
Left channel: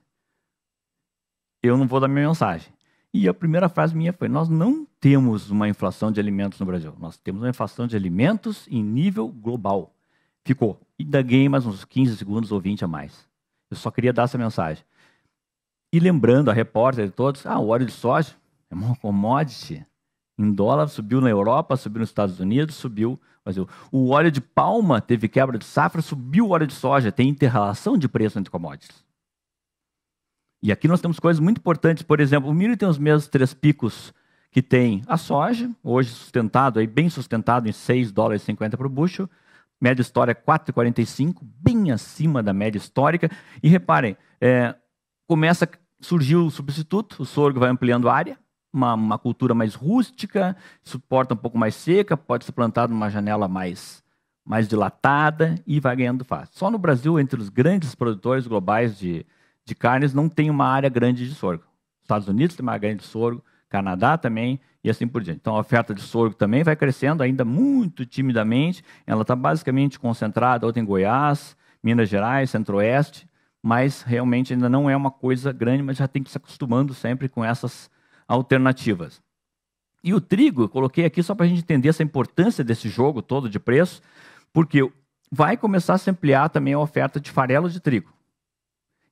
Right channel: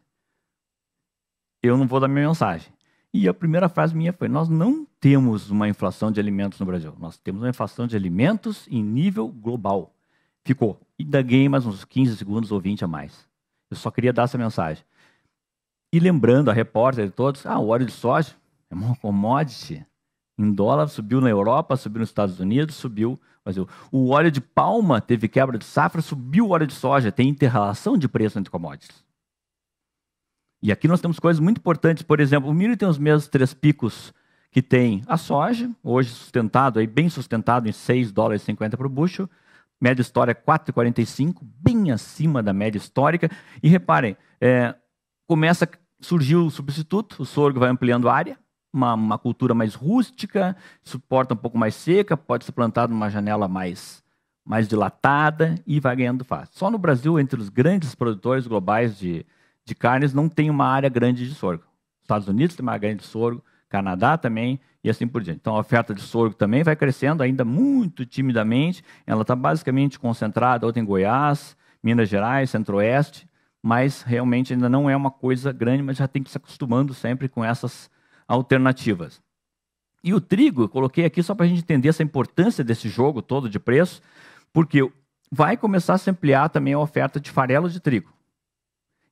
eu não vou dar minha mensagem. E a primeira frase minha foi, nós não temos uma inflação de alimentos no Brasil. Nós temos uma inflação de alimentos em nível global. Ficou. E ainda ganhei mais uns 15 segundos ou 20 a mais. Eu só queria dar essa mensagem. E lembrando a repórter de todos, o óleo de soja é uma commodity. Em dólar, subiu na Europa, subiu nos Estados Unidos, subiu no Brasil. O óleo de palma teve quebra de safra, subiu o óleo de soja. Tem interrelação de preço entre commodities. E aqui nós temos coisas muito importantes. Por exemplo, o milho tem os mesmos 3 picos que tem a soja, hoje sustentado, bem sustentado em 6 dólares e 50 por bushel. Média histórica 4,45, bem acima da média histórica. E reparem, começa a surgir o substituto, o sorgo vai ampliando a área, uma cultura mais rústica, suporta um pouco mais seca, pode ser plantado numa janela mais dilatada e vai ganhando fácil. Só no Brasil, entre os grandes produtores globais de carnes, não tem uma área grande de sorgo. Estados Unidos tem uma área grande de sorgo, Canadá também, e assim por diante. Então, a oferta de sorgo também vai crescendo, ainda muito timidamente. Ela está basicamente concentrada outra em Goiás, Minas Gerais, Centro-Oeste, mas realmente ainda não é uma coisa grande, mas já tem que se acostumando sempre com essas alternativas. E o trigo, eu coloquei aqui só para a gente entender essa importância desse jogo todo de preço, porque vai começar a se ampliar também a oferta de farelo de trigo.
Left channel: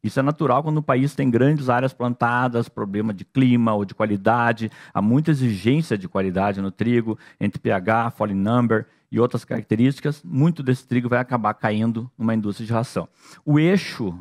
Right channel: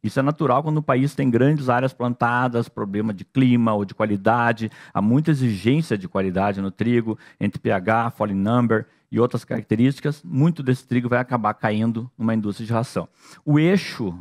Isso é natural quando o país tem grandes áreas plantadas, problema de clima ou de qualidade, há muita exigência de qualidade no trigo, entre pH, falling number e outras características, muito desse trigo vai acabar caindo numa indústria de ração. O eixo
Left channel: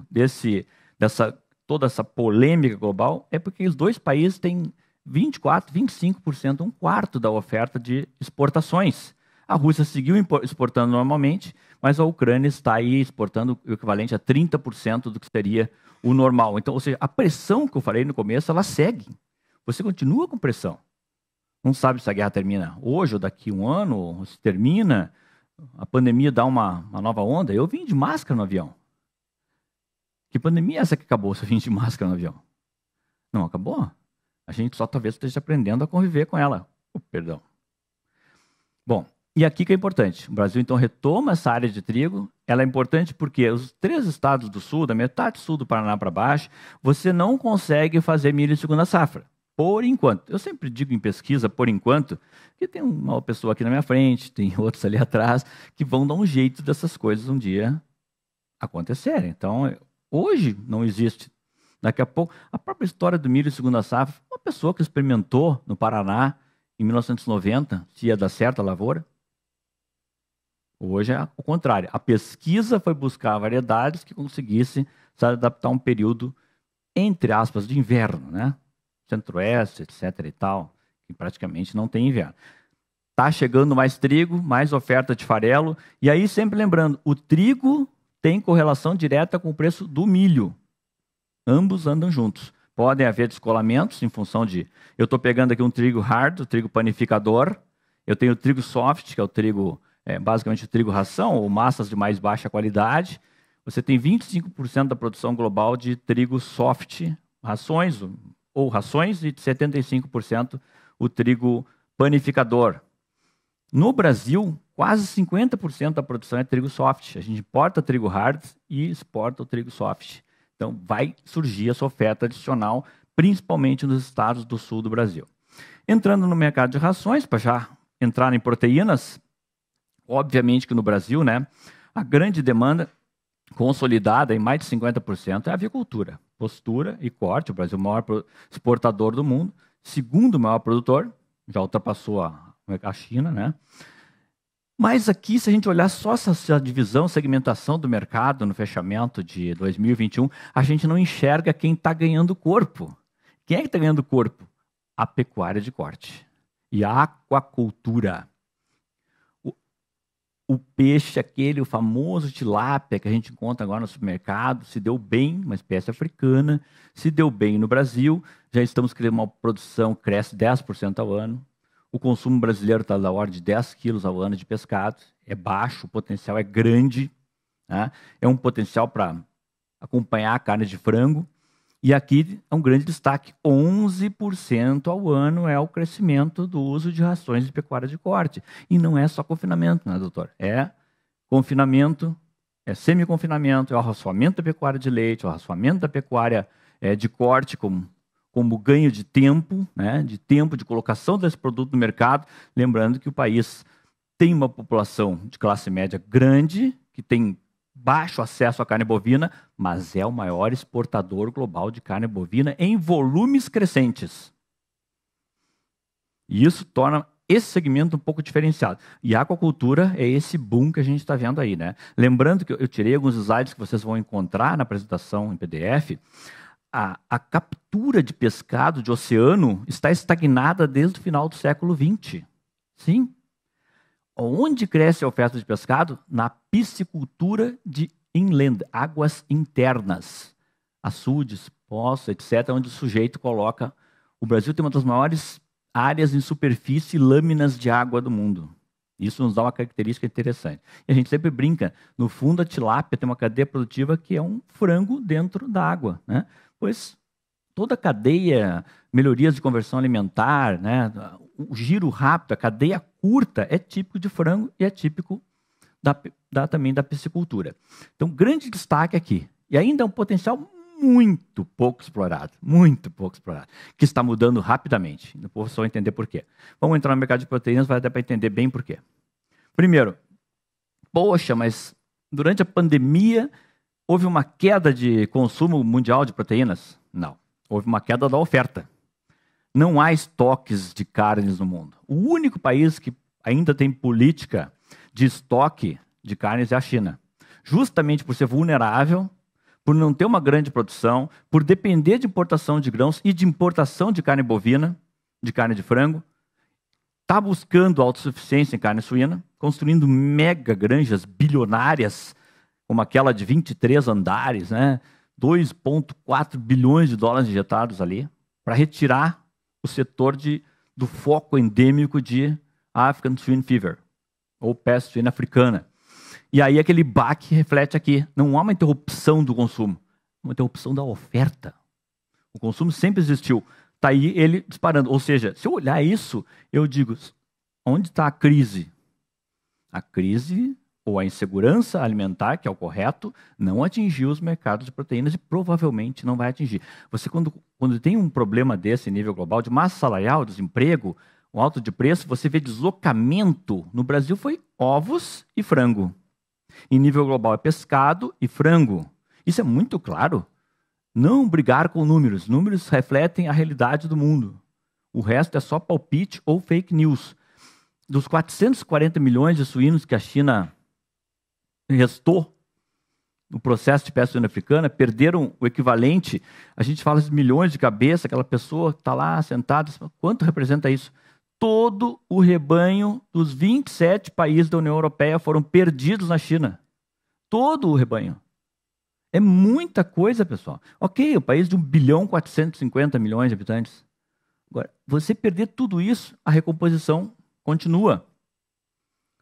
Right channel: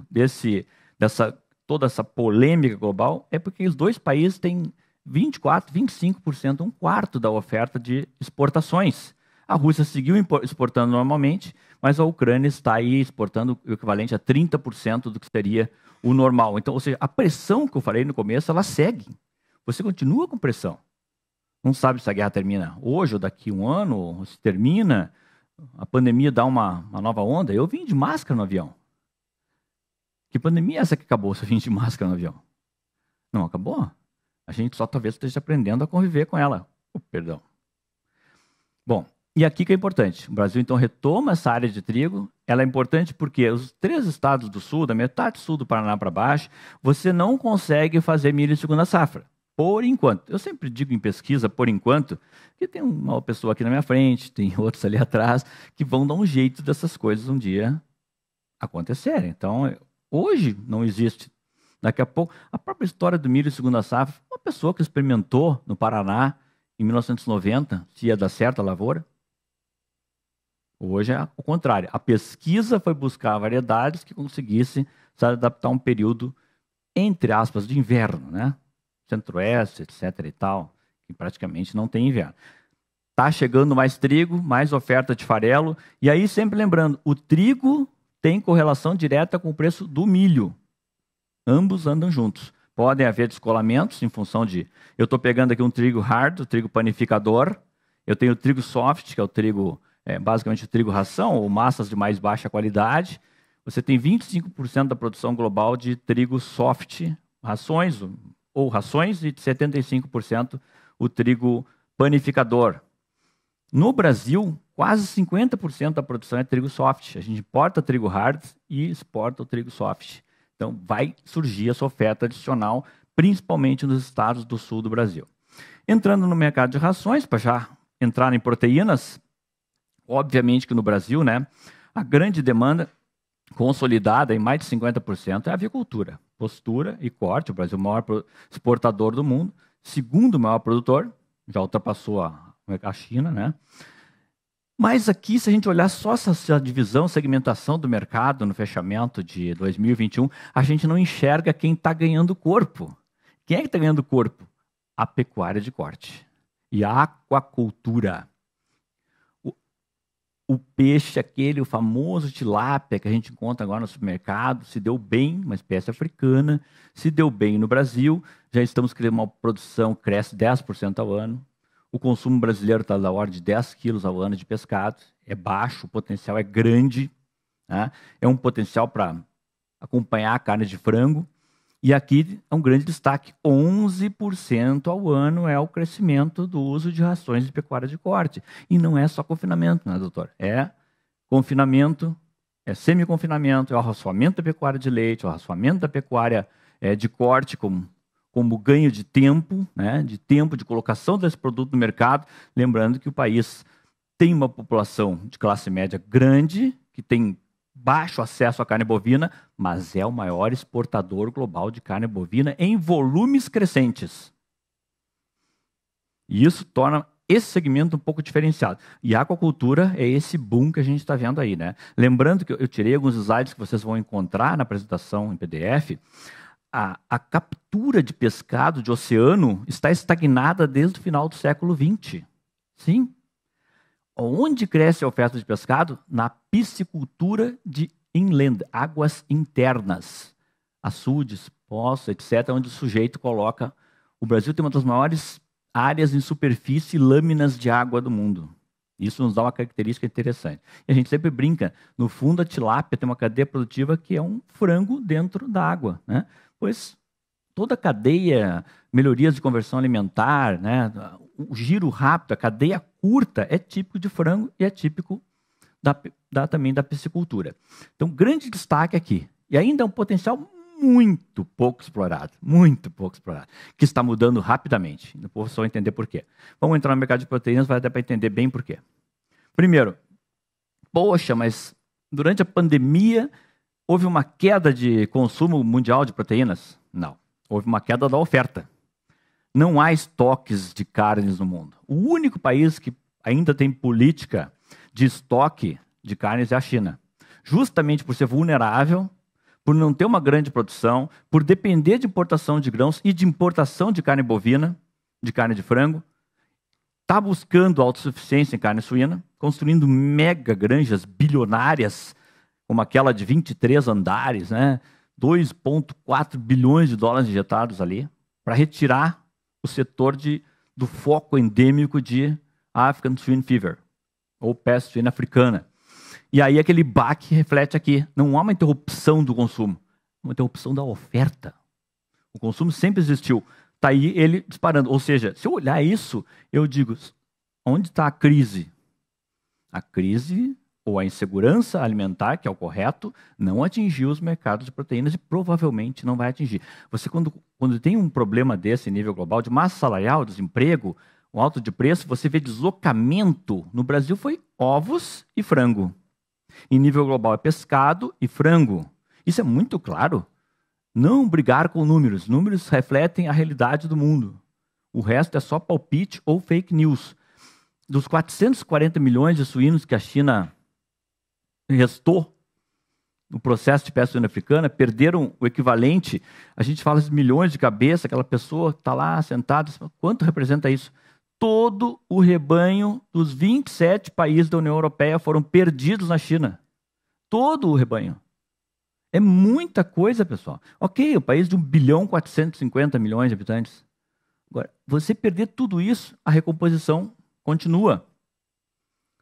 toda essa polêmica global é porque os dois países têm 24%, 25%, um quarto da oferta de exportações. A Rússia seguiu exportando normalmente, mas a Ucrânia está aí exportando o equivalente a 30% do que seria o normal. Então, ou seja, a pressão que eu falei no começo, ela segue. Você continua com pressão. Não sabe se a guerra termina hoje ou daqui a um ano, ou se termina, a pandemia dá uma nova onda. Eu vim de máscara no avião. Que pandemia é essa que acabou se eu vim de máscara no avião? Não acabou. A gente só talvez esteja aprendendo a conviver com ela. Perdão. Bom, e aqui que é importante. O Brasil, então, retoma essa área de trigo. Ela é importante porque os 3 estados do sul, da metade sul do Paraná para baixo, você não consegue fazer milho de segunda safra. Por enquanto. Eu sempre digo em pesquisa, por enquanto, que tem uma pessoa aqui na minha frente, tem outros ali atrás, que vão dar um jeito dessas coisas um dia acontecerem. Então, hoje não existe. Daqui a pouco, a própria história do milho de segunda safra, uma pessoa que experimentou no Paraná, em 1990, se ia dar certo a lavoura. Hoje é o contrário. A pesquisa foi buscar variedades que conseguissem se adaptar a um período, entre aspas, de inverno, né? Centro-Oeste, etc. e tal, que praticamente não tem inverno. Está chegando mais trigo, mais oferta de farelo, e aí sempre lembrando, o trigo tem correlação direta com o preço do milho. Ambos andam juntos. Podem haver descolamentos em função de... Eu estou pegando aqui um trigo hard, o trigo panificador, eu tenho o trigo soft, que é o trigo, basicamente o trigo ração, ou massas de mais baixa qualidade. Você tem 25% da produção global de trigo soft, rações, e de 75% o trigo panificador. No Brasil, quase 50% da produção é trigo soft. A gente importa trigo hard e exporta o trigo soft. Então, vai surgir essa oferta adicional, principalmente nos estados do sul do Brasil. Entrando no mercado de rações, para já entrar em proteínas, obviamente que no Brasil, né, a grande demanda consolidada em mais de 50% é a avicultura. Postura e corte, o Brasil é o maior exportador do mundo, segundo maior produtor, já ultrapassou a China, né? Mas aqui, se a gente olhar só essa divisão, segmentação do mercado no fechamento de 2021, a gente não enxerga quem está ganhando corpo. Quem é que está ganhando corpo? A pecuária de corte e a aquacultura. O peixe, o famoso tilápia que a gente encontra agora no supermercado, se deu bem, uma espécie africana, se deu bem no Brasil, já estamos criando uma produção que cresce 10% ao ano. O consumo brasileiro está da ordem de 10 quilos ao ano de pescado, é baixo, o potencial é grande, né? É um potencial para acompanhar a carne de frango. E aqui é um grande destaque, 11% ao ano é o crescimento do uso de rações de pecuária de corte. E não é só confinamento, né, doutor? É confinamento, é semi-confinamento, é o raçoamento da pecuária de leite, é o raçoamento da pecuária de corte como ganho de tempo, né, de colocação desse produto no mercado. Lembrando que o país tem uma população de classe média grande, que tem baixo acesso à carne bovina, mas é o maior exportador global de carne bovina em volumes crescentes. E isso torna esse segmento um pouco diferenciado. E a aquacultura é esse boom que a gente está vendo aí, né? Lembrando que eu tirei alguns slides que vocês vão encontrar na apresentação em PDF. A captura de pescado de oceano está estagnada desde o final do século XX. Sim. Onde cresce a oferta de pescado? Na piscicultura de inland, águas internas, açudes, poços, etc., onde o sujeito coloca... O Brasil tem uma das maiores áreas em superfície e lâminas de água do mundo. Isso nos dá uma característica interessante. E a gente sempre brinca, no fundo a tilápia tem uma cadeia produtiva que é um frango dentro da água, né? Pois toda a cadeia, melhorias de conversão alimentar, né? O giro rápido, a cadeia curta é típico de frango e é típico também da piscicultura. Então, grande destaque aqui. E ainda é um potencial muito pouco explorado, que está mudando rapidamente. O povo só vai entender por quê. Vamos entrar no mercado de proteínas, vai dar para entender bem por quê. Primeiro, poxa, mas durante a pandemia, houve uma queda de consumo mundial de proteínas? Não. Houve uma queda da oferta. Não há estoques de carnes no mundo. O único país que ainda tem política de estoque de carnes é a China. Justamente por ser vulnerável, por não ter uma grande produção, por depender de importação de grãos e de importação de carne bovina, de carne de frango, está buscando autossuficiência em carne suína, construindo mega granjas bilionárias, como aquela de 23 andares, né? 2,4 bilhões de dólares injetados ali, para retirar o setor do foco endêmico de African Swine Fever, ou peste suína africana. E aí aquele baque reflete aqui. Não há uma interrupção do consumo, uma interrupção da oferta. O consumo sempre existiu. Está aí ele disparando. Ou seja, se eu olhar isso, eu digo, onde está a crise? A crise ou a insegurança alimentar, que é o correto, não atingiu os mercados de proteínas e provavelmente não vai atingir. Você, quando tem um problema desse nível global, de massa salarial, desemprego, o alto de preço, você vê deslocamento. No Brasil foi ovos e frango. Em nível global é pescado e frango. Isso é muito claro. Não brigar com números. Números refletem a realidade do mundo. O resto é só palpite ou fake news. Dos 440 milhões de suínos que a China restou no processo de peste suína africana, perderam o equivalente, a gente fala de milhões de cabeça, aquela pessoa está lá sentada, quanto representa isso? Todo o rebanho dos 27 países da União Europeia foram perdidos na China. Todo o rebanho. É muita coisa, pessoal. Ok, o país de 1,450 bilhão de habitantes. Agora, você perder tudo isso, a recomposição continua.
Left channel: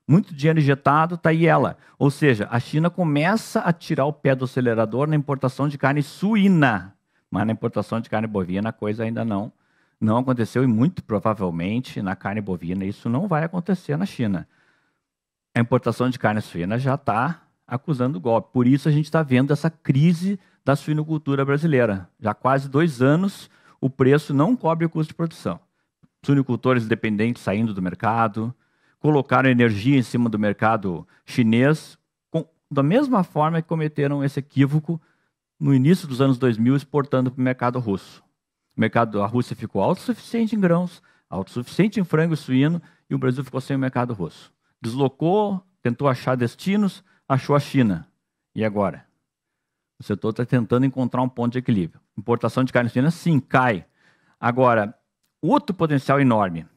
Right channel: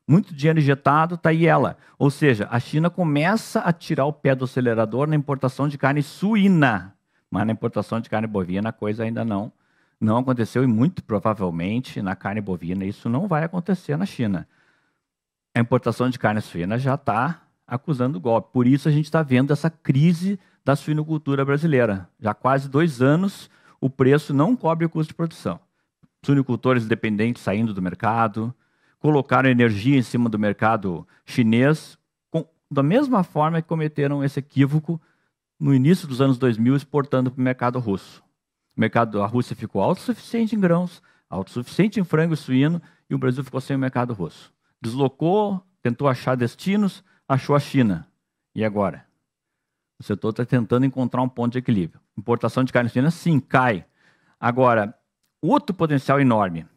Muito dinheiro injetado, está aí ela. Ou seja, a China começa a tirar o pé do acelerador na importação de carne suína. Mas na importação de carne bovina a coisa ainda não aconteceu e muito provavelmente na carne bovina isso não vai acontecer na China. A importação de carne suína já está acusando golpe. Por isso a gente está vendo essa crise da suinocultura brasileira. Já há quase 2 anos o preço não cobre o custo de produção. Suinocultores independentes saindo do mercado, colocaram energia em cima do mercado chinês, da mesma forma que cometeram esse equívoco no início dos anos 2000, exportando para o mercado russo. O mercado da Rússia ficou autossuficiente em grãos, autossuficiente em frango e suíno, e o Brasil ficou sem o mercado russo. Deslocou, tentou achar destinos, achou a China. E agora? O setor está tentando encontrar um ponto de equilíbrio. Importação de carne suína, sim, cai. Agora, outro potencial enorme.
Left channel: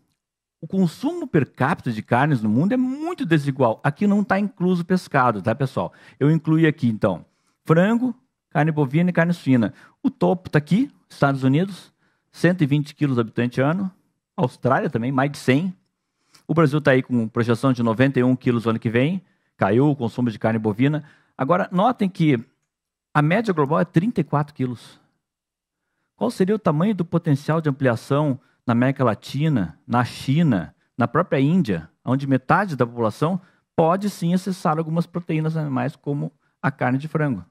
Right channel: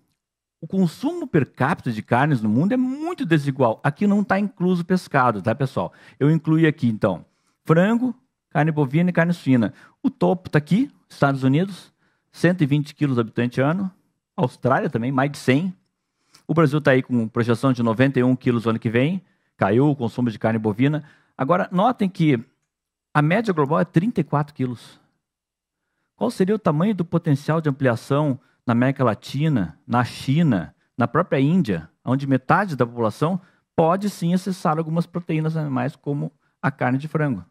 O consumo per capita de carnes no mundo é muito desigual. Aqui não está incluso pescado, tá, pessoal? Eu incluí aqui, então, frango, carne bovina e carne suína. O topo está aqui, Estados Unidos, 120 quilos habitante ano. Austrália também, mais de 100. O Brasil está aí com projeção de 91 quilos no ano que vem. Caiu o consumo de carne bovina. Agora, notem que a média global é 34 quilos. Qual seria o tamanho do potencial de ampliação na América Latina, na China, na própria Índia, onde metade da população pode sim acessar algumas proteínas animais, como a carne de frango?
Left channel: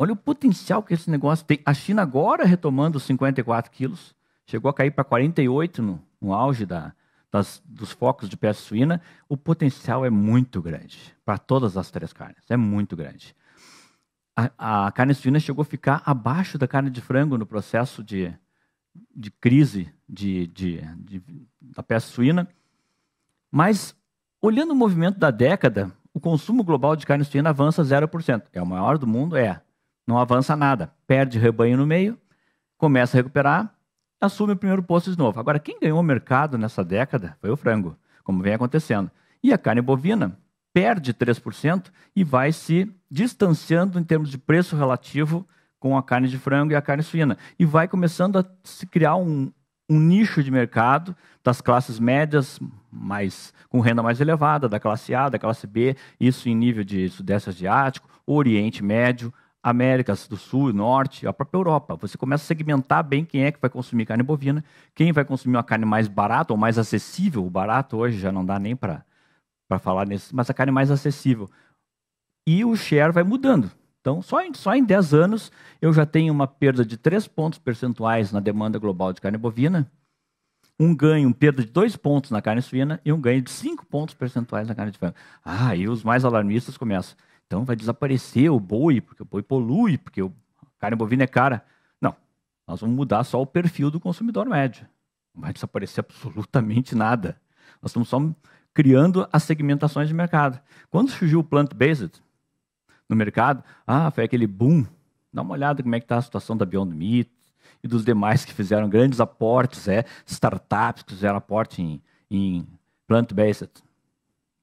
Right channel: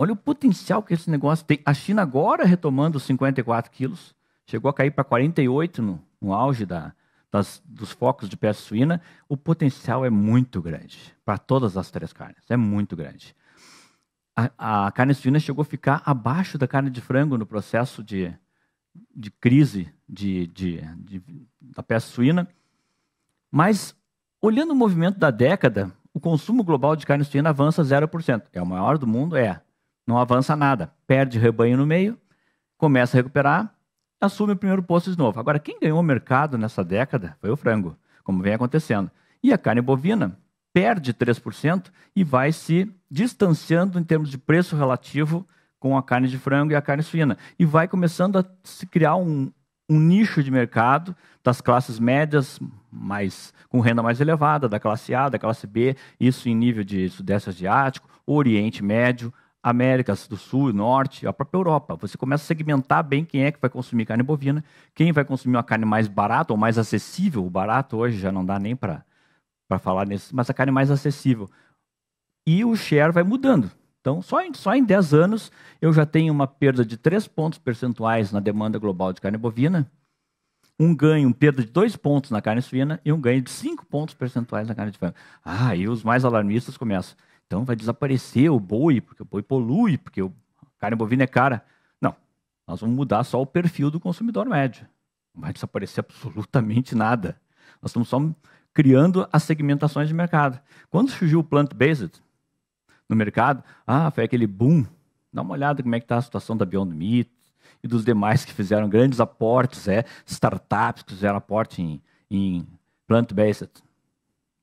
Olha o potencial que esse negócio tem. A China agora retomando os 54 quilos, chegou a cair para 48 no auge dos focos de peste suína. O potencial é muito grande para todas as 3 carnes, é muito grande. A carne suína chegou a ficar abaixo da carne de frango no processo de crise da peste suína, mas olhando o movimento da década, o consumo global de carne suína avança 0%. É o maior do mundo? Não avança nada. Perde rebanho no meio, começa a recuperar, assume o primeiro posto de novo. Agora, quem ganhou o mercado nessa década foi o frango, como vem acontecendo. E a carne bovina perde 3% e vai se distanciando em termos de preço relativo com a carne de frango e a carne suína. E vai começando a se criar um nicho de mercado das classes médias, com renda mais elevada, da classe A, da classe B, isso em nível de Sudeste Asiático, Oriente Médio, Américas do Sul e Norte, a própria Europa. Você começa a segmentar bem quem é que vai consumir carne bovina, quem vai consumir uma carne mais barata ou mais acessível. O barato hoje já não dá nem para falar nisso, mas a carne mais acessível. E o share vai mudando. Então, só em 10 anos, eu já tenho uma perda de 3 pontos percentuais na demanda global de carne bovina, perda de 2 pontos na carne suína e um ganho de 5 pontos percentuais na carne de frango. E os mais alarmistas começam. Então vai desaparecer o boi, porque o boi polui, porque a carne bovina é cara. Não, nós vamos mudar só o perfil do consumidor médio. Não vai desaparecer absolutamente nada. Nós estamos só criando as segmentações de mercado. Quando surgiu o plant-based no mercado, foi aquele boom. Dá uma olhada como é que está a situação da Beyond Meat e dos demais que fizeram grandes aportes, startups que fizeram aporte em plant-based.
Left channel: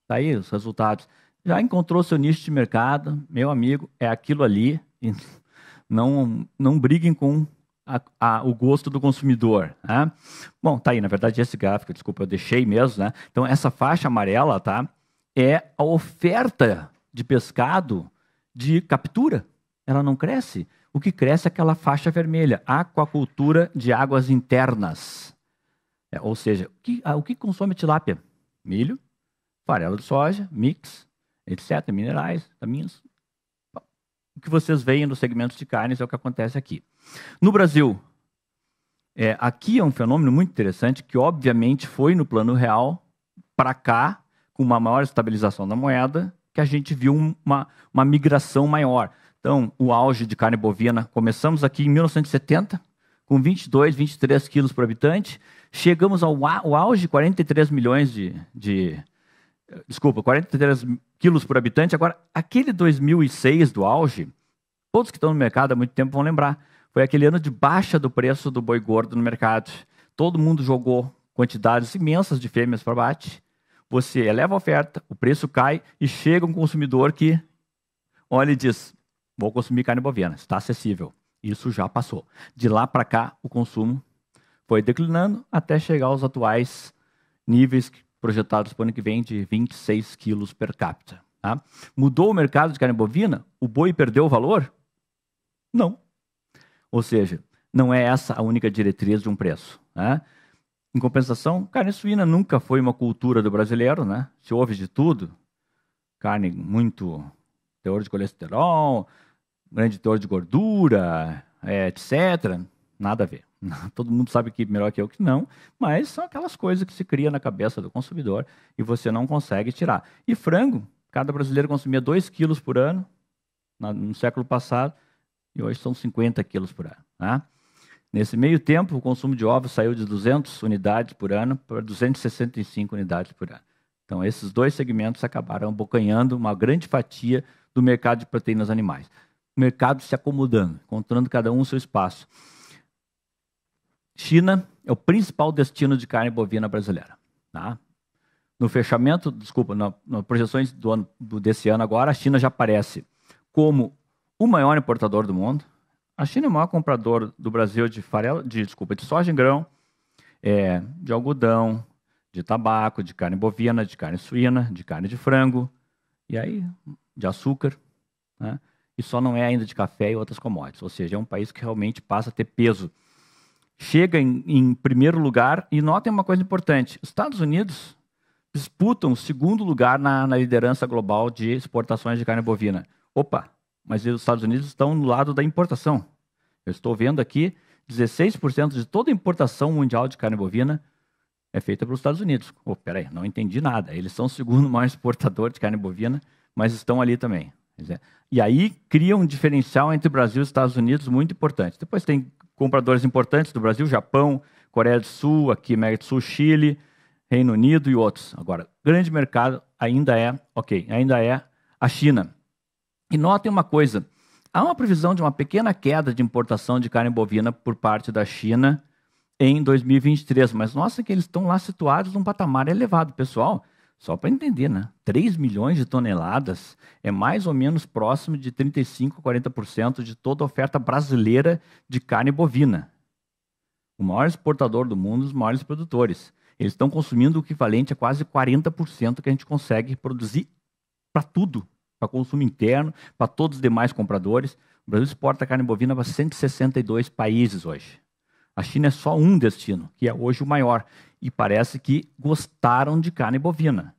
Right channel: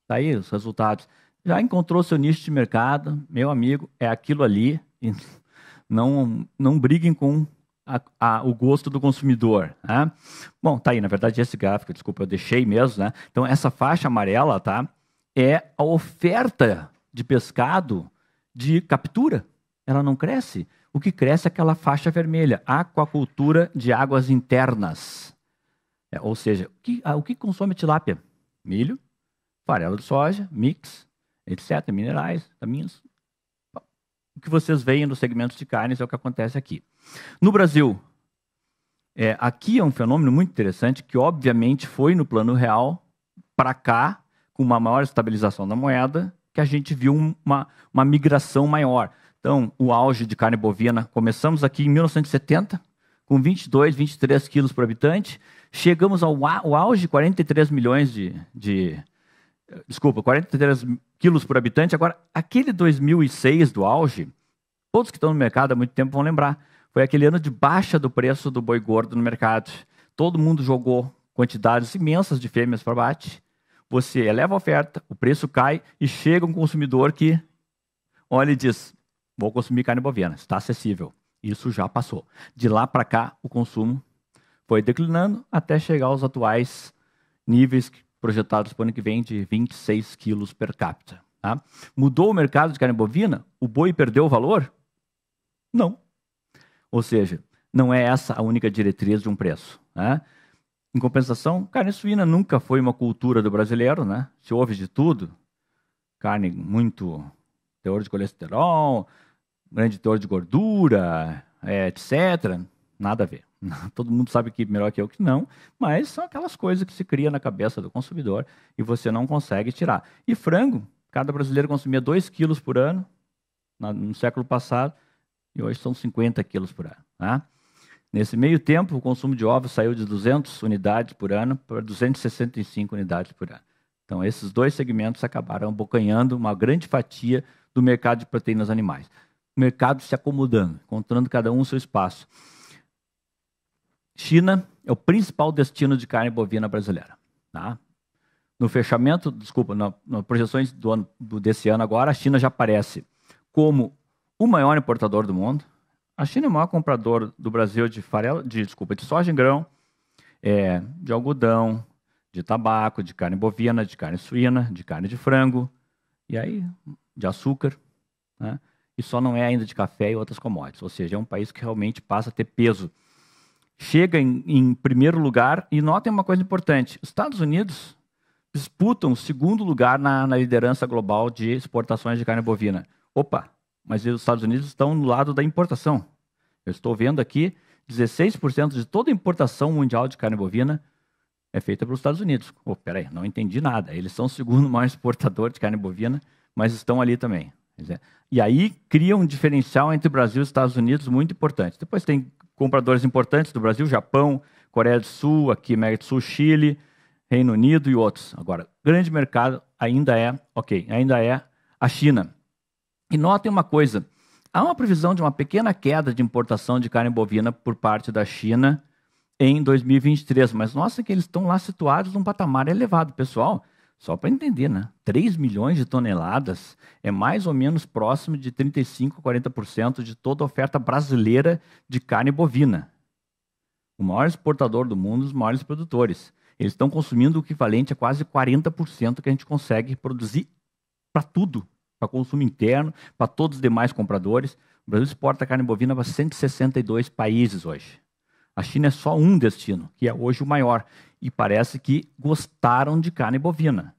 Está aí os resultados. Já encontrou seu nicho de mercado, meu amigo, é aquilo ali. E não briguem com o gosto do consumidor. Né? Bom, tá aí, na verdade, esse gráfico, desculpa, eu deixei mesmo. Né? Então, essa faixa amarela é a oferta de pescado de captura. Ela não cresce. O que cresce é aquela faixa vermelha, aquacultura de águas internas. Ou seja, o que consome tilápia? Milho, farelo de soja, mix, etc., minerais, vitaminas. O que vocês veem nos segmentos de carnes é o que acontece aqui. No Brasil, aqui é um fenômeno muito interessante que, obviamente, foi no plano real para cá, com uma maior estabilização da moeda, que a gente viu uma migração maior. Então, o auge de carne bovina, começamos aqui em 1970, com 22, 23 quilos por habitante, chegamos ao auge de 43 milhões 43 quilos por habitante. Agora, aquele 2006 do auge, todos que estão no mercado há muito tempo vão lembrar, foi aquele ano de baixa do preço do boi gordo no mercado. Todo mundo jogou quantidades imensas de fêmeas para abate. Você eleva a oferta, o preço cai e chega um consumidor que olha e diz, vou consumir carne bovina, está acessível. Isso já passou. De lá para cá, o consumo foi declinando até chegar aos atuais níveis projetados para o ano que vem de 26 quilos per capita. Tá? Mudou o mercado de carne bovina? O boi perdeu o valor? Não. Ou seja, não é essa a única diretriz de um preço. Né? Em compensação, carne suína nunca foi uma cultura do brasileiro. Né? Se houve de tudo, carne muito teor de colesterol, grande teor de gordura, etc. Nada a ver. Todo mundo sabe que melhor que eu que não, mas são aquelas coisas que se cria na cabeça do consumidor e você não consegue tirar. E frango, cada brasileiro consumia 2 quilos por ano no século passado e hoje são 50 quilos por ano. Né? Nesse meio tempo, o consumo de ovos saiu de 200 unidades por ano para 265 unidades por ano. Então, esses dois segmentos acabaram abocanhando uma grande fatia do mercado de proteínas animais. O mercado se acomodando, encontrando cada um o seu espaço. China é o principal destino de carne bovina brasileira. Tá? No fechamento, nas projeções desse ano agora, a China já aparece como o maior importador do mundo. A China é o maior comprador do Brasil de soja em grão, de algodão, de tabaco, de carne bovina, de carne suína, de carne de frango, e aí de açúcar, né? E só não é ainda de café e outras commodities. Ou seja, é um país que realmente passa a ter peso. Chega em primeiro lugar, e notem uma coisa importante, os Estados Unidos disputam o segundo lugar na liderança global de exportações de carne bovina. Opa, mas os Estados Unidos estão no lado da importação. Eu estou vendo aqui, 16% de toda a importação mundial de carne bovina é feita pelos Estados Unidos. Peraí, não entendi nada. Eles são o segundo maior exportador de carne bovina, mas estão ali também. E aí cria um diferencial entre Brasil e Estados Unidos muito importante. Depois tem compradores importantes do Brasil, Japão, Coreia do Sul, aqui América do Sul, Chile, Reino Unido e outros. Agora, grande mercado ainda é a China. E notem uma coisa, há uma previsão de uma pequena queda de importação de carne bovina por parte da China em 2023, mas nossa que eles estão lá situados num patamar elevado, pessoal. Só para entender, né? 3 milhões de toneladas é mais ou menos próximo de 35% a 40% de toda a oferta brasileira de carne bovina. O maior exportador do mundo, os maiores produtores. Eles estão consumindo o equivalente a quase 40% que a gente consegue produzir para tudo, para consumo interno, para todos os demais compradores. O Brasil exporta carne bovina para 162 países hoje. A China é só um destino, que é hoje o maior. E parece que gostaram de carne bovina.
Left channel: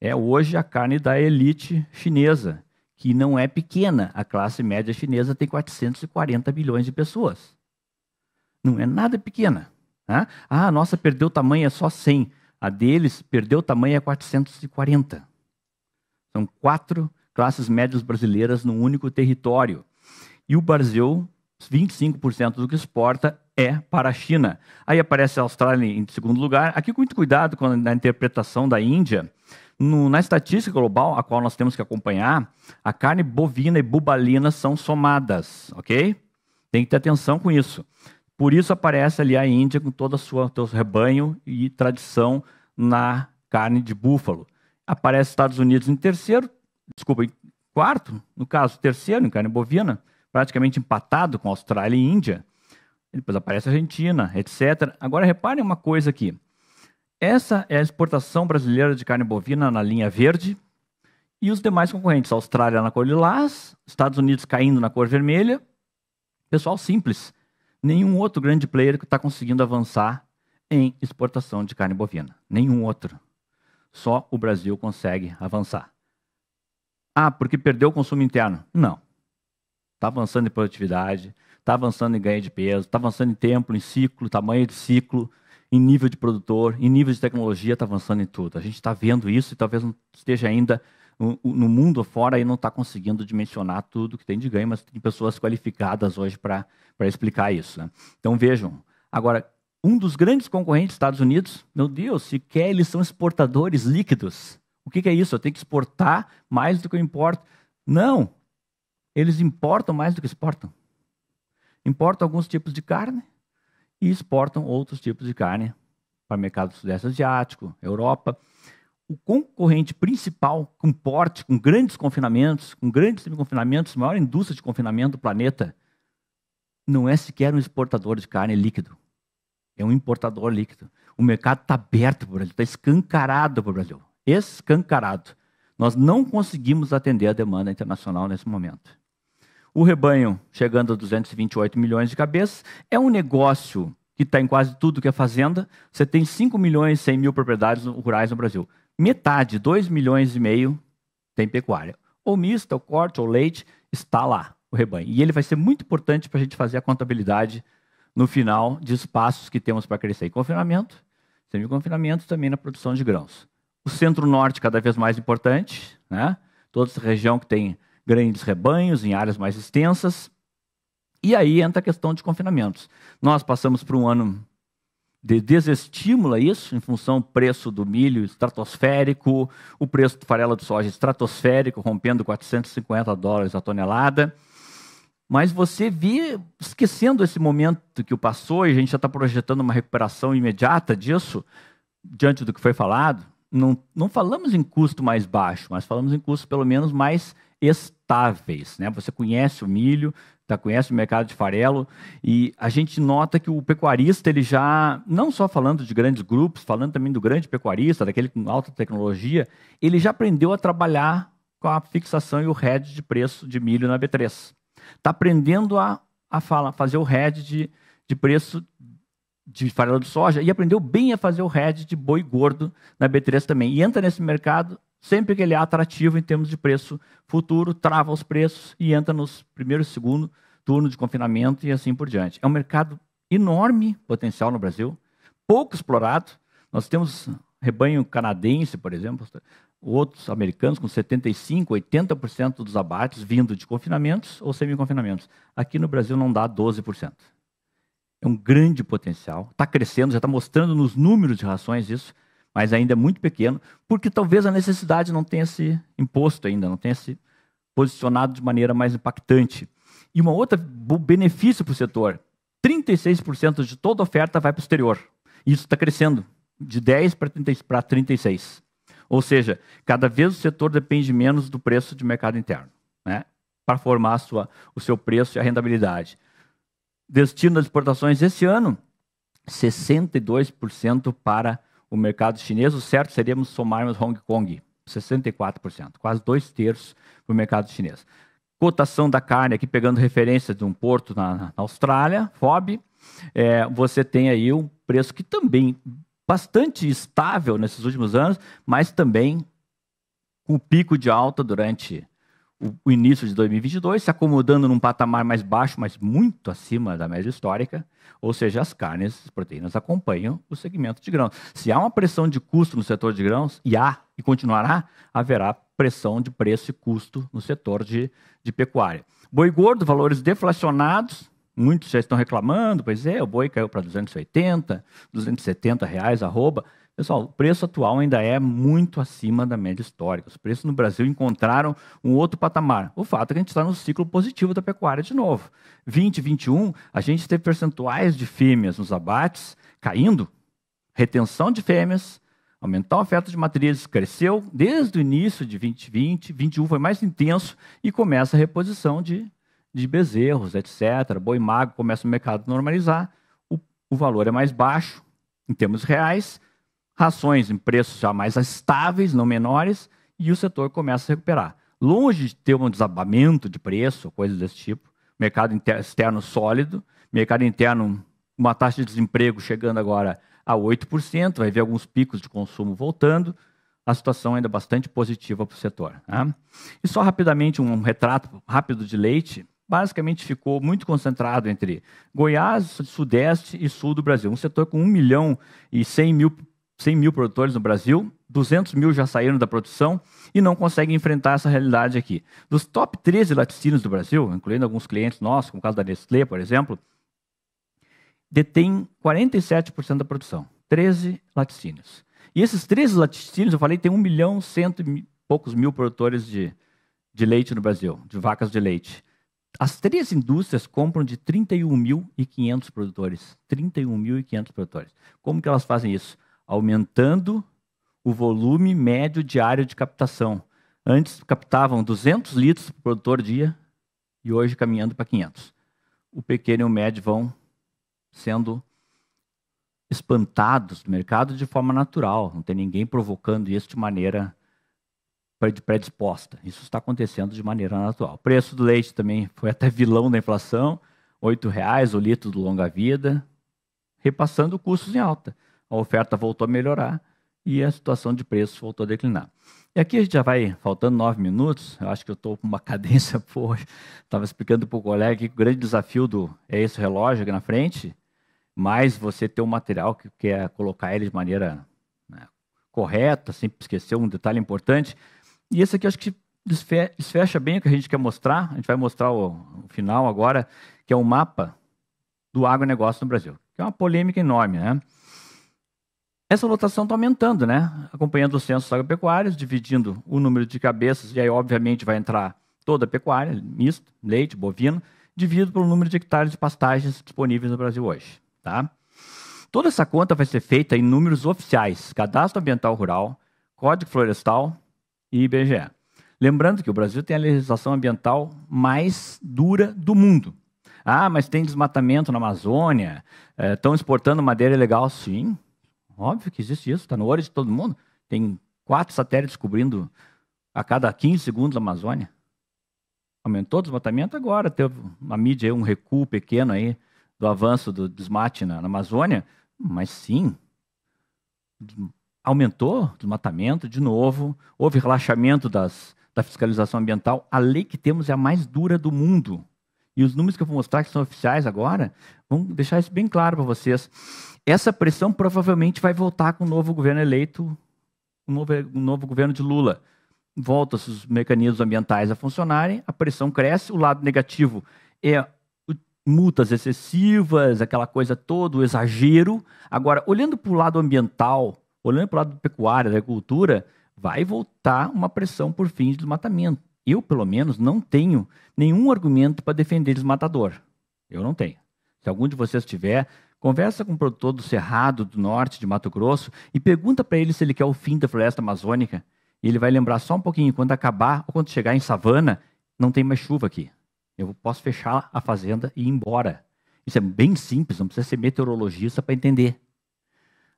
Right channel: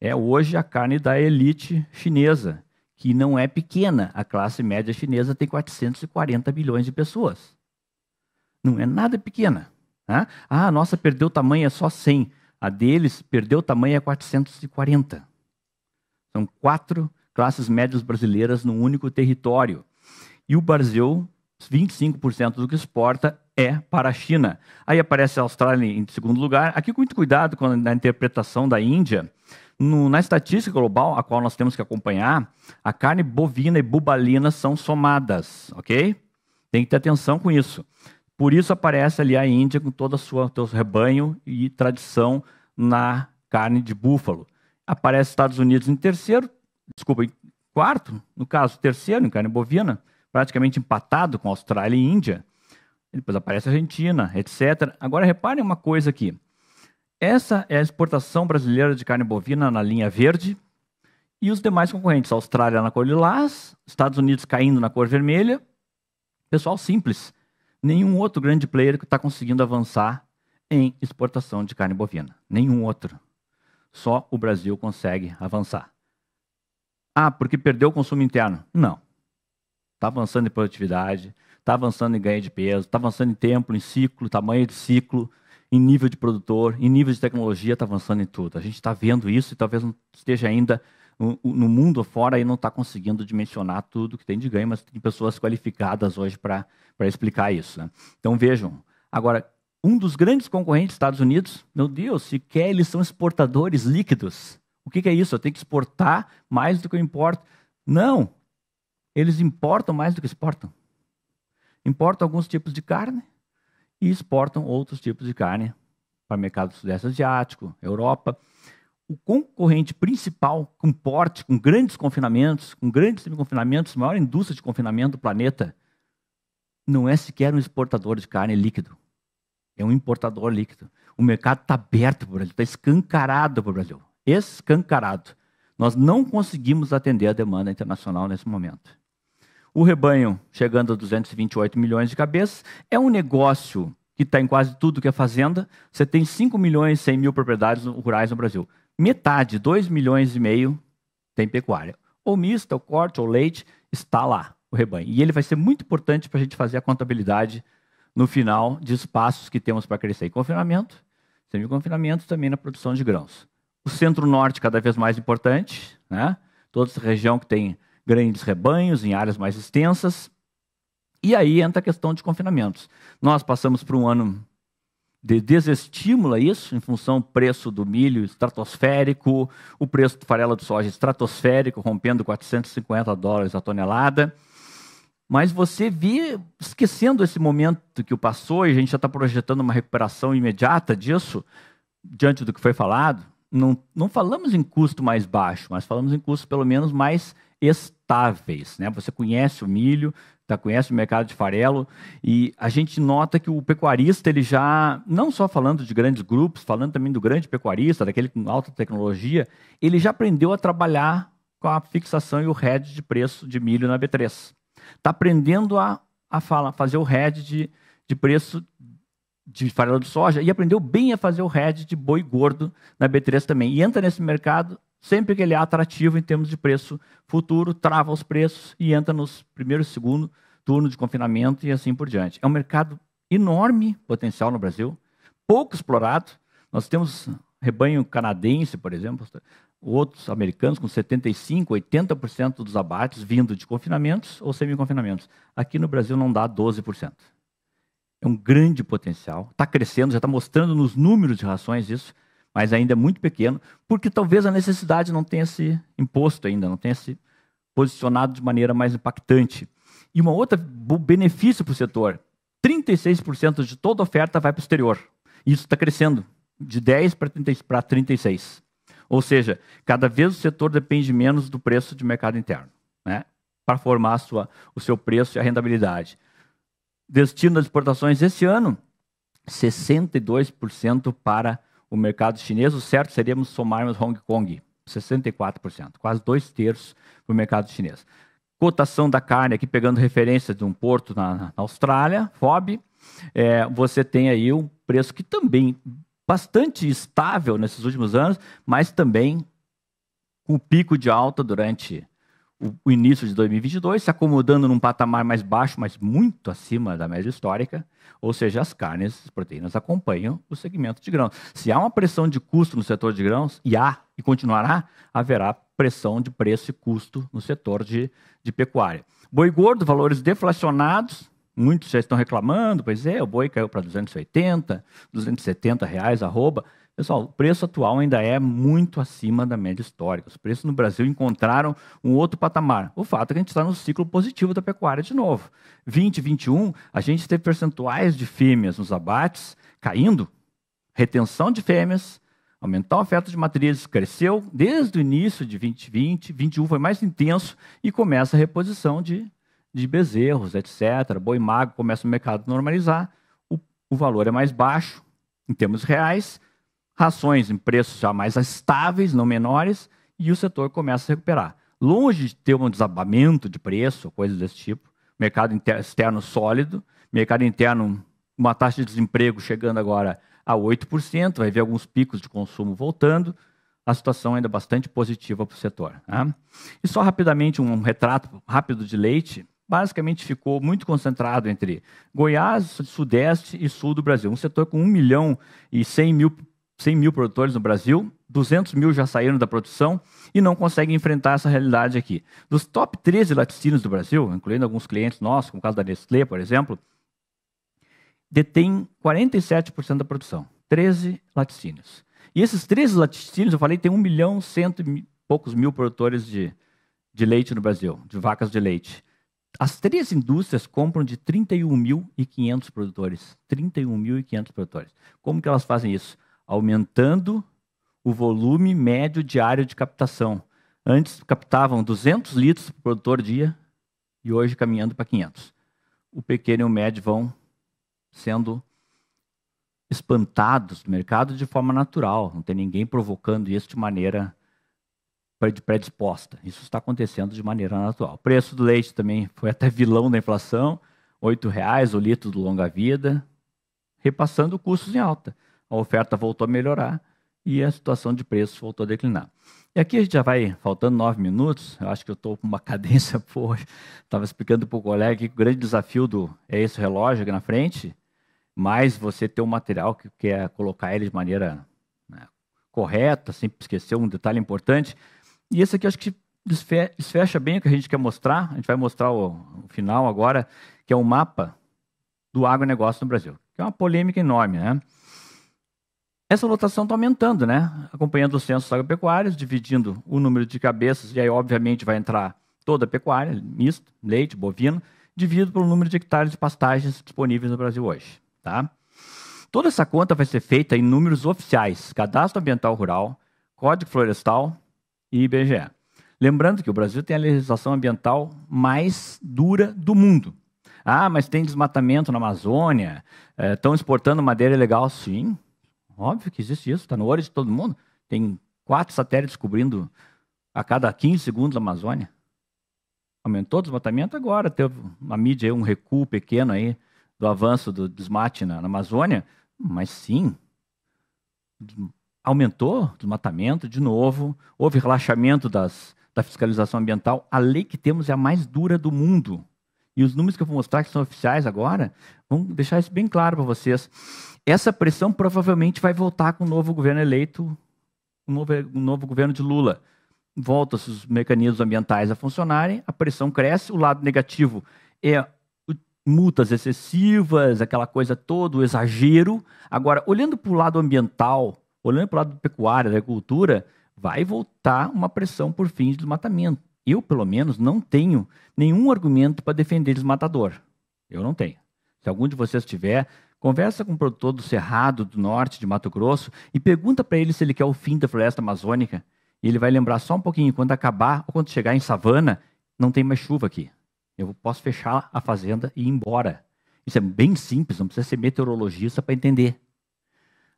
É hoje a carne da elite chinesa, que não é pequena. A classe média chinesa tem 440 milhões de pessoas. Não é nada pequena. Né? A nossa perdeu tamanho, é só 100. A deles perdeu tamanho, é 440. São 4 classes médias brasileiras num único território. E o Brasil, 25% do que exporta é para a China. Aí aparece a Austrália em segundo lugar. Aqui com muito cuidado na interpretação da Índia. Na estatística global, a qual nós temos que acompanhar, a carne bovina e bubalina são somadas, ok? Tem que ter atenção com isso. Por isso aparece ali a Índia com todo o seu rebanho e tradição na carne de búfalo. Aparece Estados Unidos em quarto, no caso, terceiro em carne bovina, praticamente empatado com Austrália e Índia. Depois aparece a Argentina, etc. Agora, reparem uma coisa aqui. Essa é a exportação brasileira de carne bovina na linha verde e os demais concorrentes. A Austrália na cor lilás, Estados Unidos caindo na cor vermelha. Pessoal simples. Nenhum outro grande player que está conseguindo avançar em exportação de carne bovina. Nenhum outro. Só o Brasil consegue avançar. Ah, porque perdeu o consumo interno? Não. Está avançando em produtividade, está avançando em ganho de peso, está avançando em tempo, em ciclo, tamanho de ciclo, em nível de produtor, em nível de tecnologia, está avançando em tudo. A gente está vendo isso e talvez não esteja ainda no mundo fora e não está conseguindo dimensionar tudo que tem de ganho, mas tem pessoas qualificadas hoje para explicar isso, né? Então vejam, agora, um dos grandes concorrentes dos Estados Unidos, meu Deus, sequer eles são exportadores líquidos. O que é isso? Eu tenho que exportar mais do que eu importo? Não, eles importam mais do que exportam. Importam alguns tipos de carne e exportam outros tipos de carne para o mercado do Sudeste Asiático, Europa. O concorrente principal com porte, com grandes confinamentos, com grandes semi-confinamentos, maior indústria de confinamento do planeta, não é sequer um exportador de carne líquido. É um importador líquido. O mercado está aberto para o Brasil, está escancarado para o Brasil. Escancarado. Nós não conseguimos atender a demanda internacional nesse momento. O rebanho, chegando a 228 milhões de cabeças, é um negócio que está em quase tudo que é fazenda. Você tem 5 milhões e 100 mil propriedades rurais no Brasil. Metade, 2 milhões e meio, tem pecuária. Ou mista, ou corte, ou leite, está lá, o rebanho. E ele vai ser muito importante para a gente fazer a contabilidade no final de espaços que temos para crescer em confinamento, semi-confinamento também na produção de grãos. O centro-norte cada vez mais importante, né? Toda essa região que tem grandes rebanhos em áreas mais extensas. E aí entra a questão de confinamentos. Nós passamos por um ano de desestímulo a isso, em função do preço do milho estratosférico, o preço do farelo de soja estratosférico, rompendo $450 a tonelada. Mas você vê, esquecendo esse momento que passou, e a gente já está projetando uma recuperação imediata disso, diante do que foi falado, não falamos em custo mais baixo, mas falamos em custos pelo menos mais estáveis, né? Você conhece o milho, conhece o mercado de farelo, e a gente nota que o pecuarista, ele já, não só falando de grandes grupos, falando também do grande pecuarista, daquele com alta tecnologia, ele já aprendeu a trabalhar com a fixação e o hedge de preço de milho na B3. Está aprendendo a fazer o hedge de preço de farelo de soja e aprendeu bem a fazer o hedge de boi gordo na B3 também. E entra nesse mercado sempre que ele é atrativo em termos de preço futuro, trava os preços e entra nos primeiro e segundo turno de confinamento e assim por diante. É um mercado enorme potencial no Brasil, pouco explorado. Nós temos rebanho canadense, por exemplo, outros americanos com 75%, 80% dos abates vindo de confinamentos ou semi-confinamentos. Aqui no Brasil não dá 12%. É um grande potencial, está crescendo, já está mostrando nos números de rações isso, mas ainda é muito pequeno, porque talvez a necessidade não tenha se imposto ainda, não tenha se posicionado de maneira mais impactante. E uma outra benefício para o setor, 36% de toda oferta vai para o exterior. Isso está crescendo, de 10% para 36%. Ou seja, cada vez o setor depende menos do preço de mercado interno, né, para formar o seu preço e a rentabilidade. Destino das exportações esse ano, 62% para o mercado chinês. O certo seríamos somarmos Hong Kong, 64%, quase 2/3 para o mercado chinês. Cotação da carne, aqui pegando referência de um porto na Austrália, FOB, você tem aí um preço que também bastante estável nesses últimos anos, mas também com pico de alta durante o início de 2022, se acomodando num patamar mais baixo, mas muito acima da média histórica, ou seja, as carnes, as proteínas acompanham o segmento de grãos. Se há uma pressão de custo no setor de grãos, e continuará, haverá pressão de preço e custo no setor de pecuária. Boi gordo, valores deflacionados, muitos já estão reclamando, pois é, o boi caiu para 280, 270 reais arroba. Pessoal, o preço atual ainda é muito acima da média histórica. Os preços no Brasil encontraram um outro patamar. O fato é que a gente está no ciclo positivo da pecuária de novo. 2021, a gente teve percentuais de fêmeas nos abates caindo, retenção de fêmeas, aumentou a oferta de matrizes, cresceu desde o início de 2020, 2021 foi mais intenso e começa a reposição de bezerros, etc. Boi magro começa o mercado a normalizar, o valor é mais baixo em termos reais, rações em preços já mais estáveis, não menores, e o setor começa a se recuperar. Longe de ter um desabamento de preço, coisas desse tipo, mercado externo sólido, mercado interno, uma taxa de desemprego chegando agora a 8%, vai ver alguns picos de consumo voltando, a situação ainda é bastante positiva para o setor. Né? E só rapidamente um retrato rápido de leite, basicamente ficou muito concentrado entre Goiás, Sudeste e Sul do Brasil, um setor com 1.100.000 produtores no Brasil, 200 mil já saíram da produção e não conseguem enfrentar essa realidade aqui. Dos top 13 laticínios do Brasil, incluindo alguns clientes nossos, como o caso da Nestlé, por exemplo, detém 47% da produção, 13 laticínios. E esses 13 laticínios, eu falei, tem 1.100.000 e poucos mil produtores de leite no Brasil, de vacas de leite. As 3 indústrias compram de 31.500 produtores. 31.500 produtores. Como que elas fazem isso? Aumentando o volume médio diário de captação. Antes captavam 200 litros por produtor dia e hoje caminhando para 500. O pequeno e o médio vão sendo espantados no mercado de forma natural. Não tem ninguém provocando isso de maneira predisposta. Isso está acontecendo de maneira natural. O preço do leite também foi até vilão da inflação, R$ 8,00 o litro do longa-vida, repassando custos em alta. A oferta voltou a melhorar e a situação de preços voltou a declinar. E aqui a gente já vai, faltando 9 minutos, eu acho que eu estou com uma cadência boa. Estava explicando para o colega que o grande desafio é esse relógio aqui na frente, mas você ter um material que quer colocar ele de maneira correta, sem esquecer um detalhe importante. E esse aqui acho que desfecha bem o que a gente quer mostrar. A gente vai mostrar o final agora, que é um mapa do agronegócio no Brasil, que é uma polêmica enorme, né? Essa lotação está aumentando, né? Acompanhando os censos agropecuários, dividindo o número de cabeças, e aí, obviamente, vai entrar toda a pecuária, misto, leite, bovino, dividido pelo número de hectares de pastagens disponíveis no Brasil hoje. Tá? Toda essa conta vai ser feita em números oficiais, Cadastro Ambiental Rural, Código Florestal e IBGE. Lembrando que o Brasil tem a legislação ambiental mais dura do mundo. Ah, mas tem desmatamento na Amazônia, estão exportando madeira ilegal. Sim, óbvio que existe isso, está no olho de todo mundo. Tem 4 satélites cobrindo a cada 15 segundos a Amazônia. Aumentou o desmatamento agora, teve uma mídia, um recuo pequeno aí do avanço do desmate na Amazônia, mas sim, aumentou o desmatamento de novo, houve relaxamento da fiscalização ambiental. A lei que temos é a mais dura do mundo. E os números que eu vou mostrar, que são oficiais agora, vão deixar isso bem claro para vocês. Essa pressão provavelmente vai voltar com o novo governo eleito, o novo governo de Lula. Voltam-se os mecanismos ambientais a funcionarem, a pressão cresce, o lado negativo é multas excessivas, aquela coisa toda, o exagero. Agora, olhando para o lado ambiental, olhando para o lado pecuário, da agricultura, vai voltar uma pressão por fins de desmatamento. Eu, pelo menos, não tenho nenhum argumento para defender desmatador. Eu não tenho. Se algum de vocês tiver, conversa com o produtor do Cerrado, do Norte, de Mato Grosso, e pergunta para ele se ele quer o fim da floresta amazônica. E ele vai lembrar só um pouquinho, quando acabar, ou quando chegar em savana, não tem mais chuva aqui. Eu posso fechar a fazenda e ir embora. Isso é bem simples, não precisa ser meteorologista para entender.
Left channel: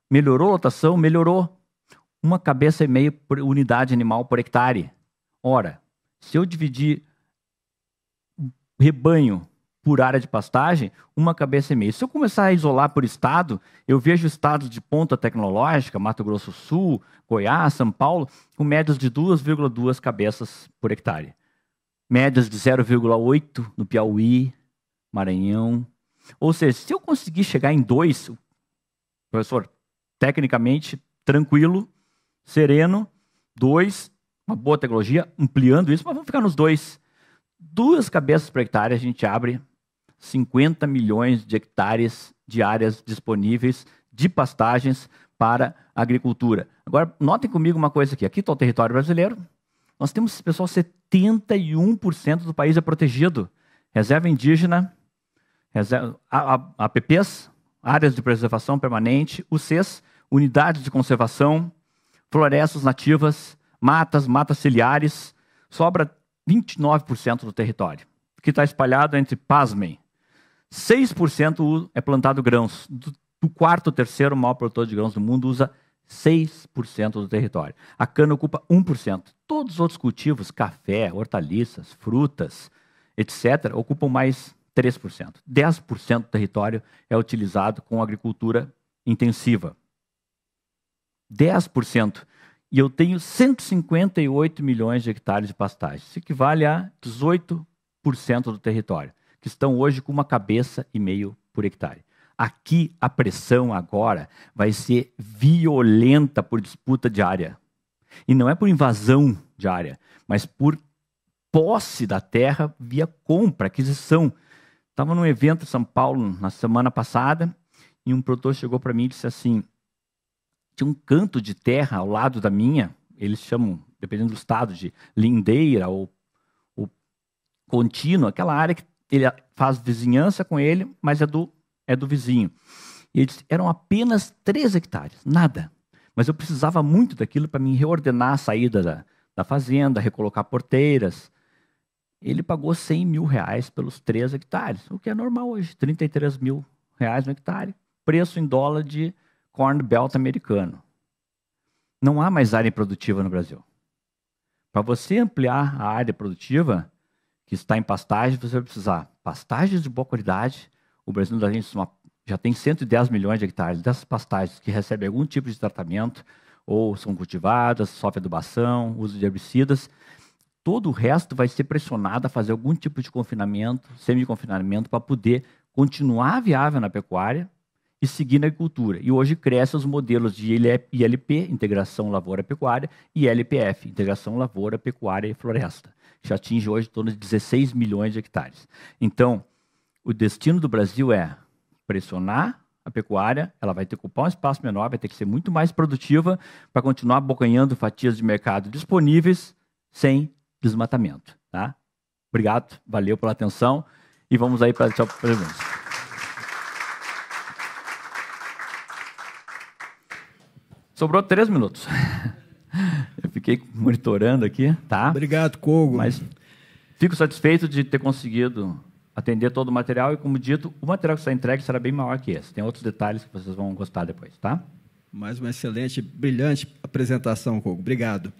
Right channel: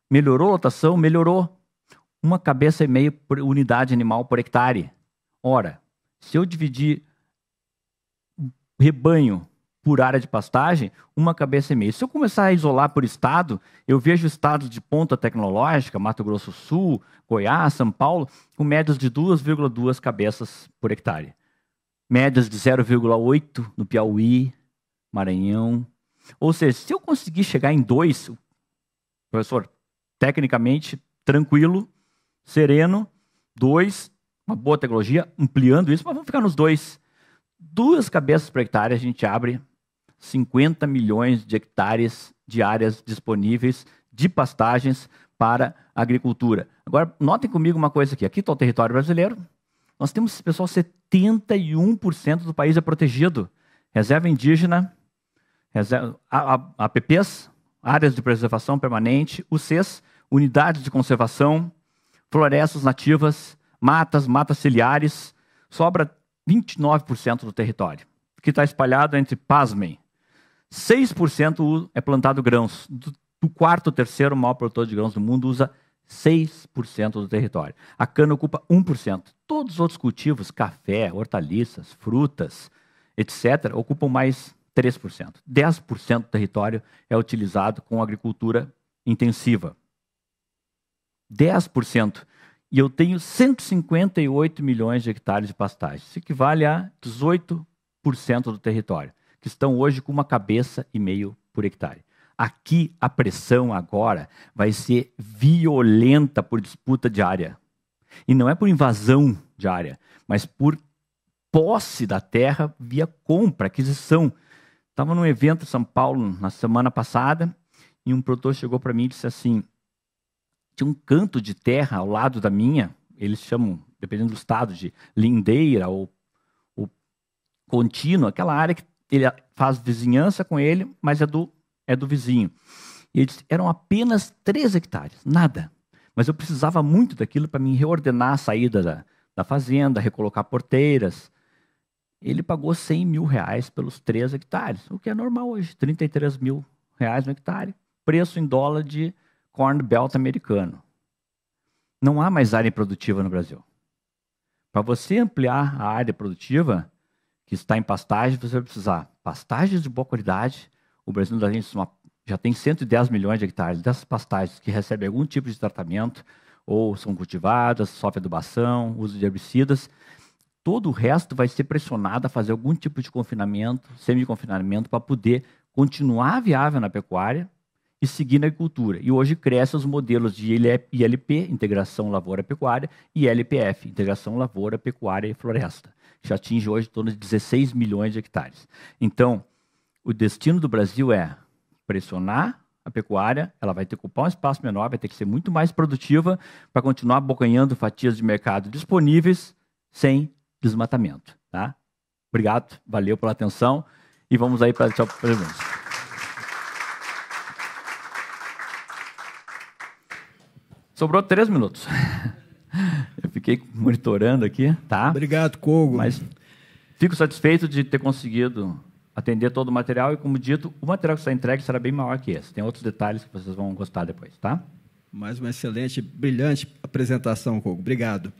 Melhorou a lotação? Melhorou. 1,5 cabeça por unidade animal por hectare. Ora, se eu dividir rebanho por área de pastagem, 1,5 cabeça. Se eu começar a isolar por estado, eu vejo estados de ponta tecnológica, Mato Grosso do Sul, Goiás, São Paulo, com médias de 2,2 cabeças por hectare. médias de 0,8 no Piauí, Maranhão. Ou seja, se eu conseguir chegar em 2, professor, tecnicamente, tranquilo, sereno, 2, uma boa tecnologia, ampliando isso, mas vamos ficar nos 2. 2 cabeças por hectare, a gente abre 50 milhões de hectares de áreas disponíveis de pastagens para a agricultura. Agora, notem comigo uma coisa aqui. Aqui está o território brasileiro. Nós temos, pessoal, 71% do país é protegido. Reserva indígena, APPs, áreas de preservação permanente, UCs, unidades de conservação, florestas nativas, matas ciliares. Sobra 29% do território, que está espalhado entre, pasmem, 6% é plantado grãos. Do quarto, terceiro maior produtor de grãos do mundo usa 6% do território. A cana ocupa 1%. Todos os outros cultivos, café, hortaliças, frutas, etc., ocupam mais 3%. 10% do território é utilizado com agricultura intensiva. 10%. E eu tenho 158 milhões de hectares de pastagem. Isso equivale a 18% do território, que estão hoje com 1,5 cabeça por hectare. Aqui a pressão agora vai ser violenta por disputa de área. E não é por invasão de área, mas por posse da terra via compra, aquisição. Estava num evento em São Paulo na semana passada e um produtor chegou para mim e disse assim, tinha um canto de terra ao lado da minha, eles chamam, dependendo do estado, de lindeira ou contínua, aquela área que ele faz vizinhança com ele, mas é do vizinho. E ele disse, eram apenas 3 hectares, nada. Mas eu precisava muito daquilo para me reordenar a saída da fazenda, recolocar porteiras. Ele pagou R$100 mil pelos 3 hectares, o que é normal hoje, R$33 mil no hectare, preço em dólar de Corn Belt americano. Não há mais área produtiva no Brasil. Para você ampliar a área produtiva que está em pastagem, você vai precisar pastagens de boa qualidade. O Brasil da gente já tem 110 milhões de hectares dessas pastagens que recebem algum tipo de tratamento, ou são cultivadas, sofrem adubação, uso de herbicidas. Todo o resto vai ser pressionado a fazer algum tipo de confinamento, semi-confinamento, para poder continuar viável na pecuária e seguir na agricultura. E hoje crescem os modelos de ILP, Integração Lavoura-Pecuária, e LPF, Integração Lavoura, Pecuária e Floresta, que já atinge hoje em torno de 16 milhões de hectares. Então, o destino do Brasil é pressionar a pecuária, ela vai ter que ocupar um espaço menor, vai ter que ser muito mais produtiva para continuar abocanhando fatias de mercado disponíveis sem desmatamento. Tá? Obrigado, valeu pela atenção e vamos aí para a pergunta. Sobrou 3 minutos. Eu fiquei monitorando aqui, tá? Obrigado, Kogo. Mas fico satisfeito de ter conseguido atender todo o material e, como dito, o material que está entregue será bem maior que esse. Tem outros detalhes que vocês vão gostar depois, tá? Mais uma excelente, brilhante apresentação, Kogo. Obrigado.